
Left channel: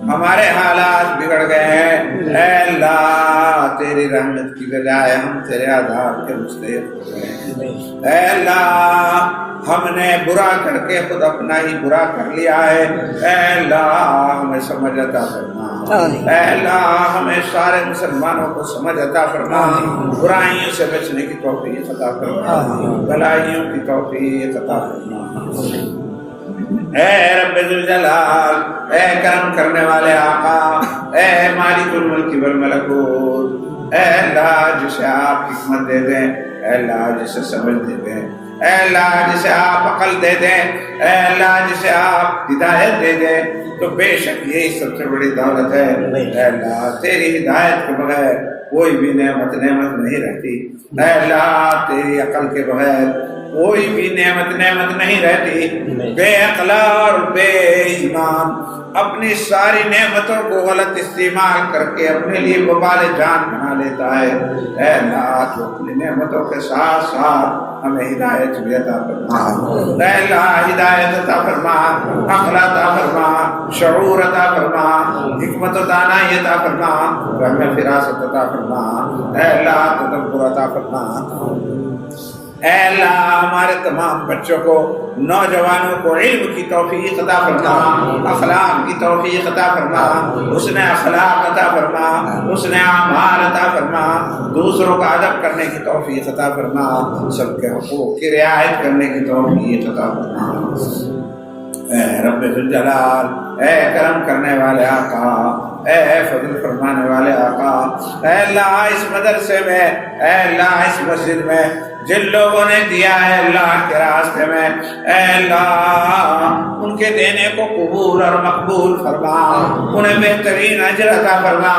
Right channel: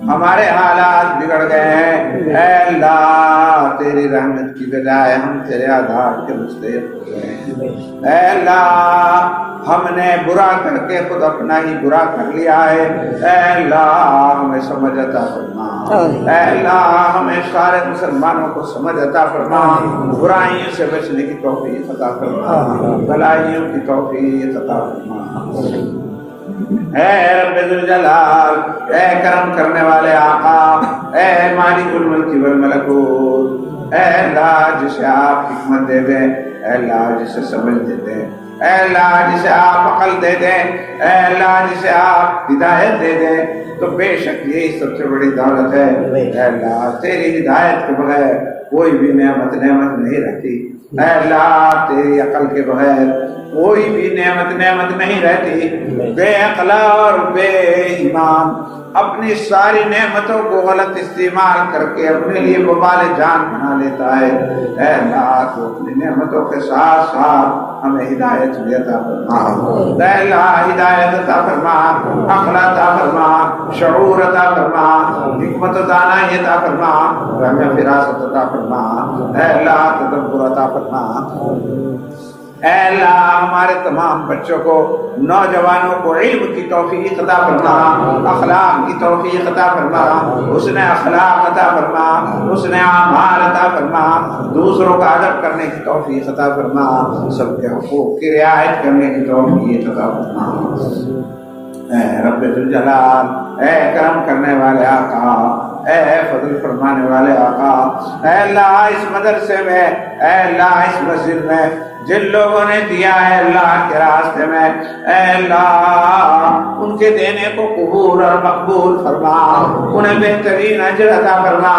ہمارے حالات بگڑ گئے ہیں. اے اللہ تیری رحمت کی بجائے ہم تیرے عذاب کے مستحق ہو گئے ہیں. اے اللہ ہم نے برا کر کے خود اپنا ہی برا کر لیا ہے. اے اللہ ہمیں سمجھ عطا فرما. اے اللہ ہمیں سارے مسلمانوں کو سمجھ عطا فرما. برائیوں سے بچنے کی توفیق عطا فرما, بھلائیوں کی توفیق عطا فرما. اے رب ذوالجلال, اے کرم کرنے والے آقا, اے مالک الملک والملکوت, اے اللہ جسے آپ حکمت دے دیں, اے اللہ جسے سمجھ دے دیں, اے اللہ جسے آپ عقل دے دیں, اے اللہ جسے آپ ہدایت دے دیں, تو بے شک یہی سب سے بڑی دولت ہے. اے اللہ تیری ہدایت کے بغیر کوئی بھی نعمت نہیں رہتی. اے اللہ تیری عقل کے بغیر کوئی بھی نعمت نہیں رہتی. بے عقل اور بے ایمان اپنی ساری نعمتوں کو غلط استعمال کر کے اپنے لیے وبال جان بنا لیتا ہے. اے اللہ تو اپنی نعمتوں کے ساتھ ساتھ ہمیں ہدایت بھی عطا فرما. اے اللہ ہدایت عطا فرما, عقل عطا فرما, شعور عطا فرما, حکمت و دانائی عطا فرما, ہمیں فراست عطا فرما. اے اللہ تدبر عطا فرما. اے اللہ ہمارے تمام بچوں کو, نوجوانوں کو علم کی توفیق عطا فرما, اخلاق کی توفیق عطا فرما, حسن اخلاق عطا فرما, حسن اعمال عطا فرما, دوسروں کا ادب کرنے کی توفیق عطا فرما, سب کے حقوق کی رعایت کرنے کی توفیق عطا فرما. اے رب ذوالجلال, اے کرم کرنے والے آقا, اے فضل فرمانے والے آقا, اے اللہ اس مدرسے میں, اے اللہ اس مسجد میں جن لوگوں نے دیا ہے اللہ کے راستے میں, اے اللہ ان کے دینے کو قبول قبول اور مقبول فرما، انہیں بہترین اجر عطا فرما،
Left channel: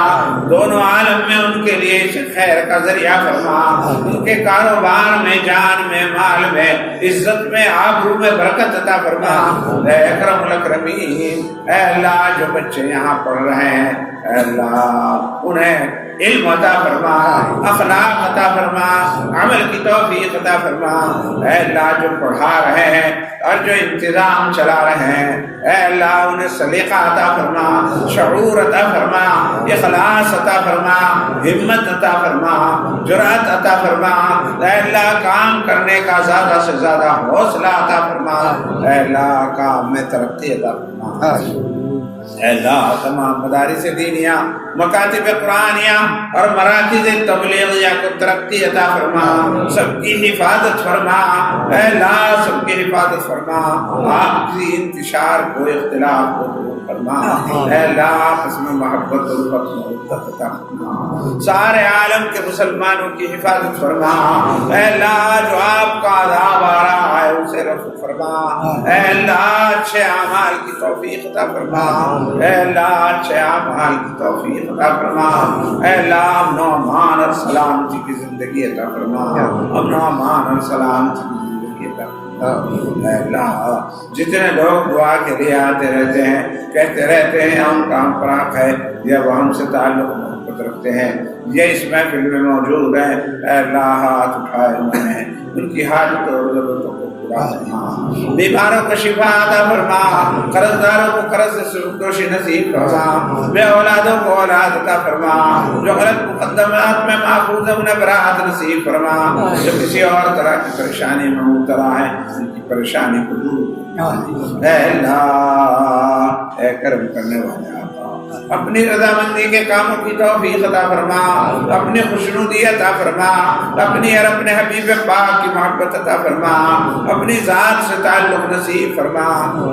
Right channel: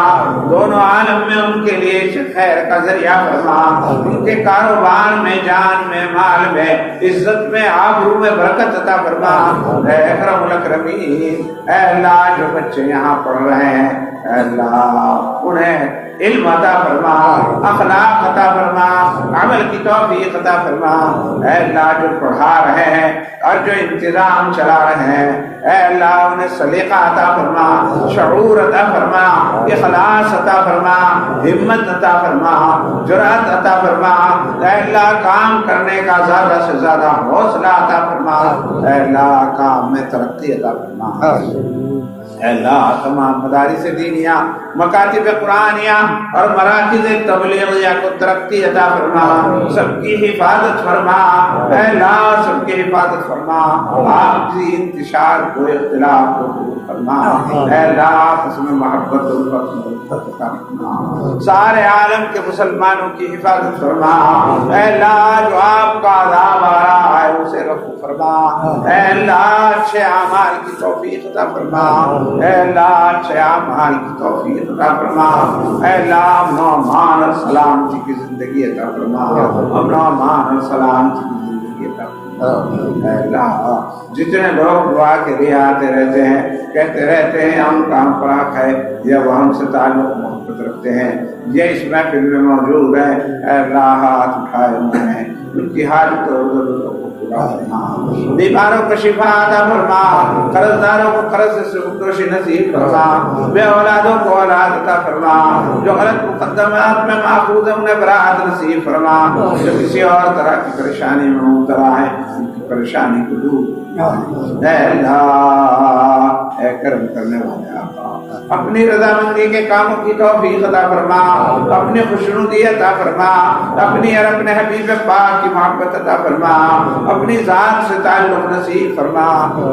دونوں عالم میں ان کے لیے خیر کا ذریعہ فرما، ان کے کاروبار میں، جان میں، مال میں، عزت میں، آبرو میں برکت عطا فرما۔ اے اکرم الاکرمین، اے اللہ جو بچے یہاں پڑھ رہے ہیں اے اللہ انہیں علم عطا فرما، اخلاق عطا فرما، عمل کی توفیق عطا فرما۔ اے اللہ جو پڑھا رہے ہیں اور جو انتظام چلا رہے ہیں اے اللہ انہیں سلیقہ عطا فرما، شعور عطا فرما، اخلاص عطا فرما، ہمت عطا فرما، جرأت عطا فرما۔ اے اللہ کام کرنے کا زیادہ سے زیادہ حوصلہ عطا فرما، اے اللہ کام میں ترقی عطا فرما۔ اے اللہ تمام مدارس دینیہ، مکاتب قرآنیہ اور مراکز تبلیغیہ کو ترقی عطا فرما، سب کی حفاظت فرما۔ اے اللہ سب کی حفاظت فرما، آپ کی انتشار کو، اختلاف کو دور فرما۔ اے اللہ آپس میں محبت اور عطا فرما، سارے عالم کے مسلمانوں کی حفاظت فرما۔ اے اللہ جو آپ کا عذاب آ رہا ہے اسے رفع فرما۔ اے اللہ اچھے اعمال کی توفیق عطا فرما، اے اللہ اچھے اعمال کی توفیق عطا فرما۔ اے اللہ امن و امان اور سلامتی کی زندگی عطا فرما، امن و امان اور سلامتی کی زندگی عطا فرما۔ اے اللہ جتنے لوگ دعا کے لیے آتے رہتے ہیں، کہتے رہتے ہیں ہم کام پراک ہے یا وہ ہم سے تعلق محبت رکھتے ہیں، یہ اس محفل میں موجود ہیں، اے اللہ ہاتھ اٹھائے ہوئے ہیں، ان کی حاجت اور ضرورتوں کو پورا فرما، بیماروں کو شفا عطا فرما، قرضداروں کو قرض سے سبکدوشی نصیب فرما، بے اولادوں کو اولاد عطا فرما، جو غلط مقدمات میں ماخوذ ہیں انہیں براءت نصیب فرما، جو کسی اور طرح کی پریشانی میں مبتلا ہے ان کی پریشانی کو دور فرما۔ اے اللہ اے کرم کرنے والے آقا اپنی رضامندی کے کاموں کی توفیق عطا فرما، اپنی خوشنودی عطا فرما، اپنی اور اپنے حبیب پاک کی محبت عطا فرما، اپنی ذات سے تعلق نصیب فرما۔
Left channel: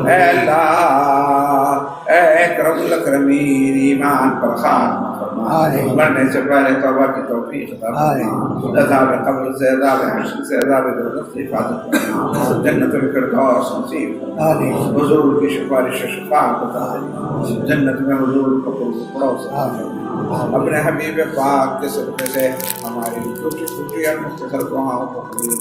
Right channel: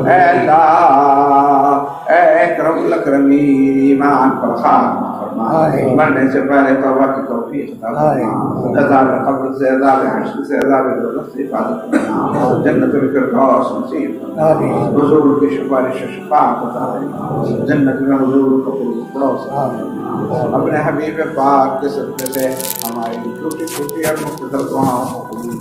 اے اللہ اے اکرم الاکرمین ایمان پر خاتمہ فرما، مرنے سے پہلے توبہ کی توفیق عطا فرما، عذاب قبر سے، عذاب حشر سے، عذاب دوزخ سے حفاظت فرما، جنت الفردوس نصیب فرما، حضور کی سفارش و شفاعت عطا فرما، جنت میں حضور کو پڑوس اپنے حبیب پاک کے صدقے سے ہماری چھوٹی چھوٹی اور مختصر دعاؤں کو قبول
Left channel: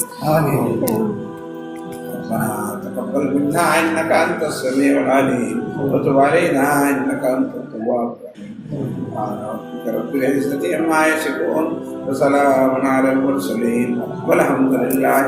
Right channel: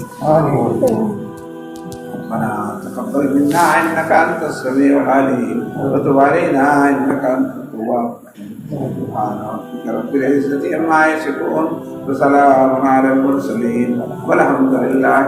ربنا تقبل منا انك انت السميع العليم وتب علينا انك انت التواب الرحيم سبحان ربك رب العزة عما يصفون وسلام على المرسلين والحمد لله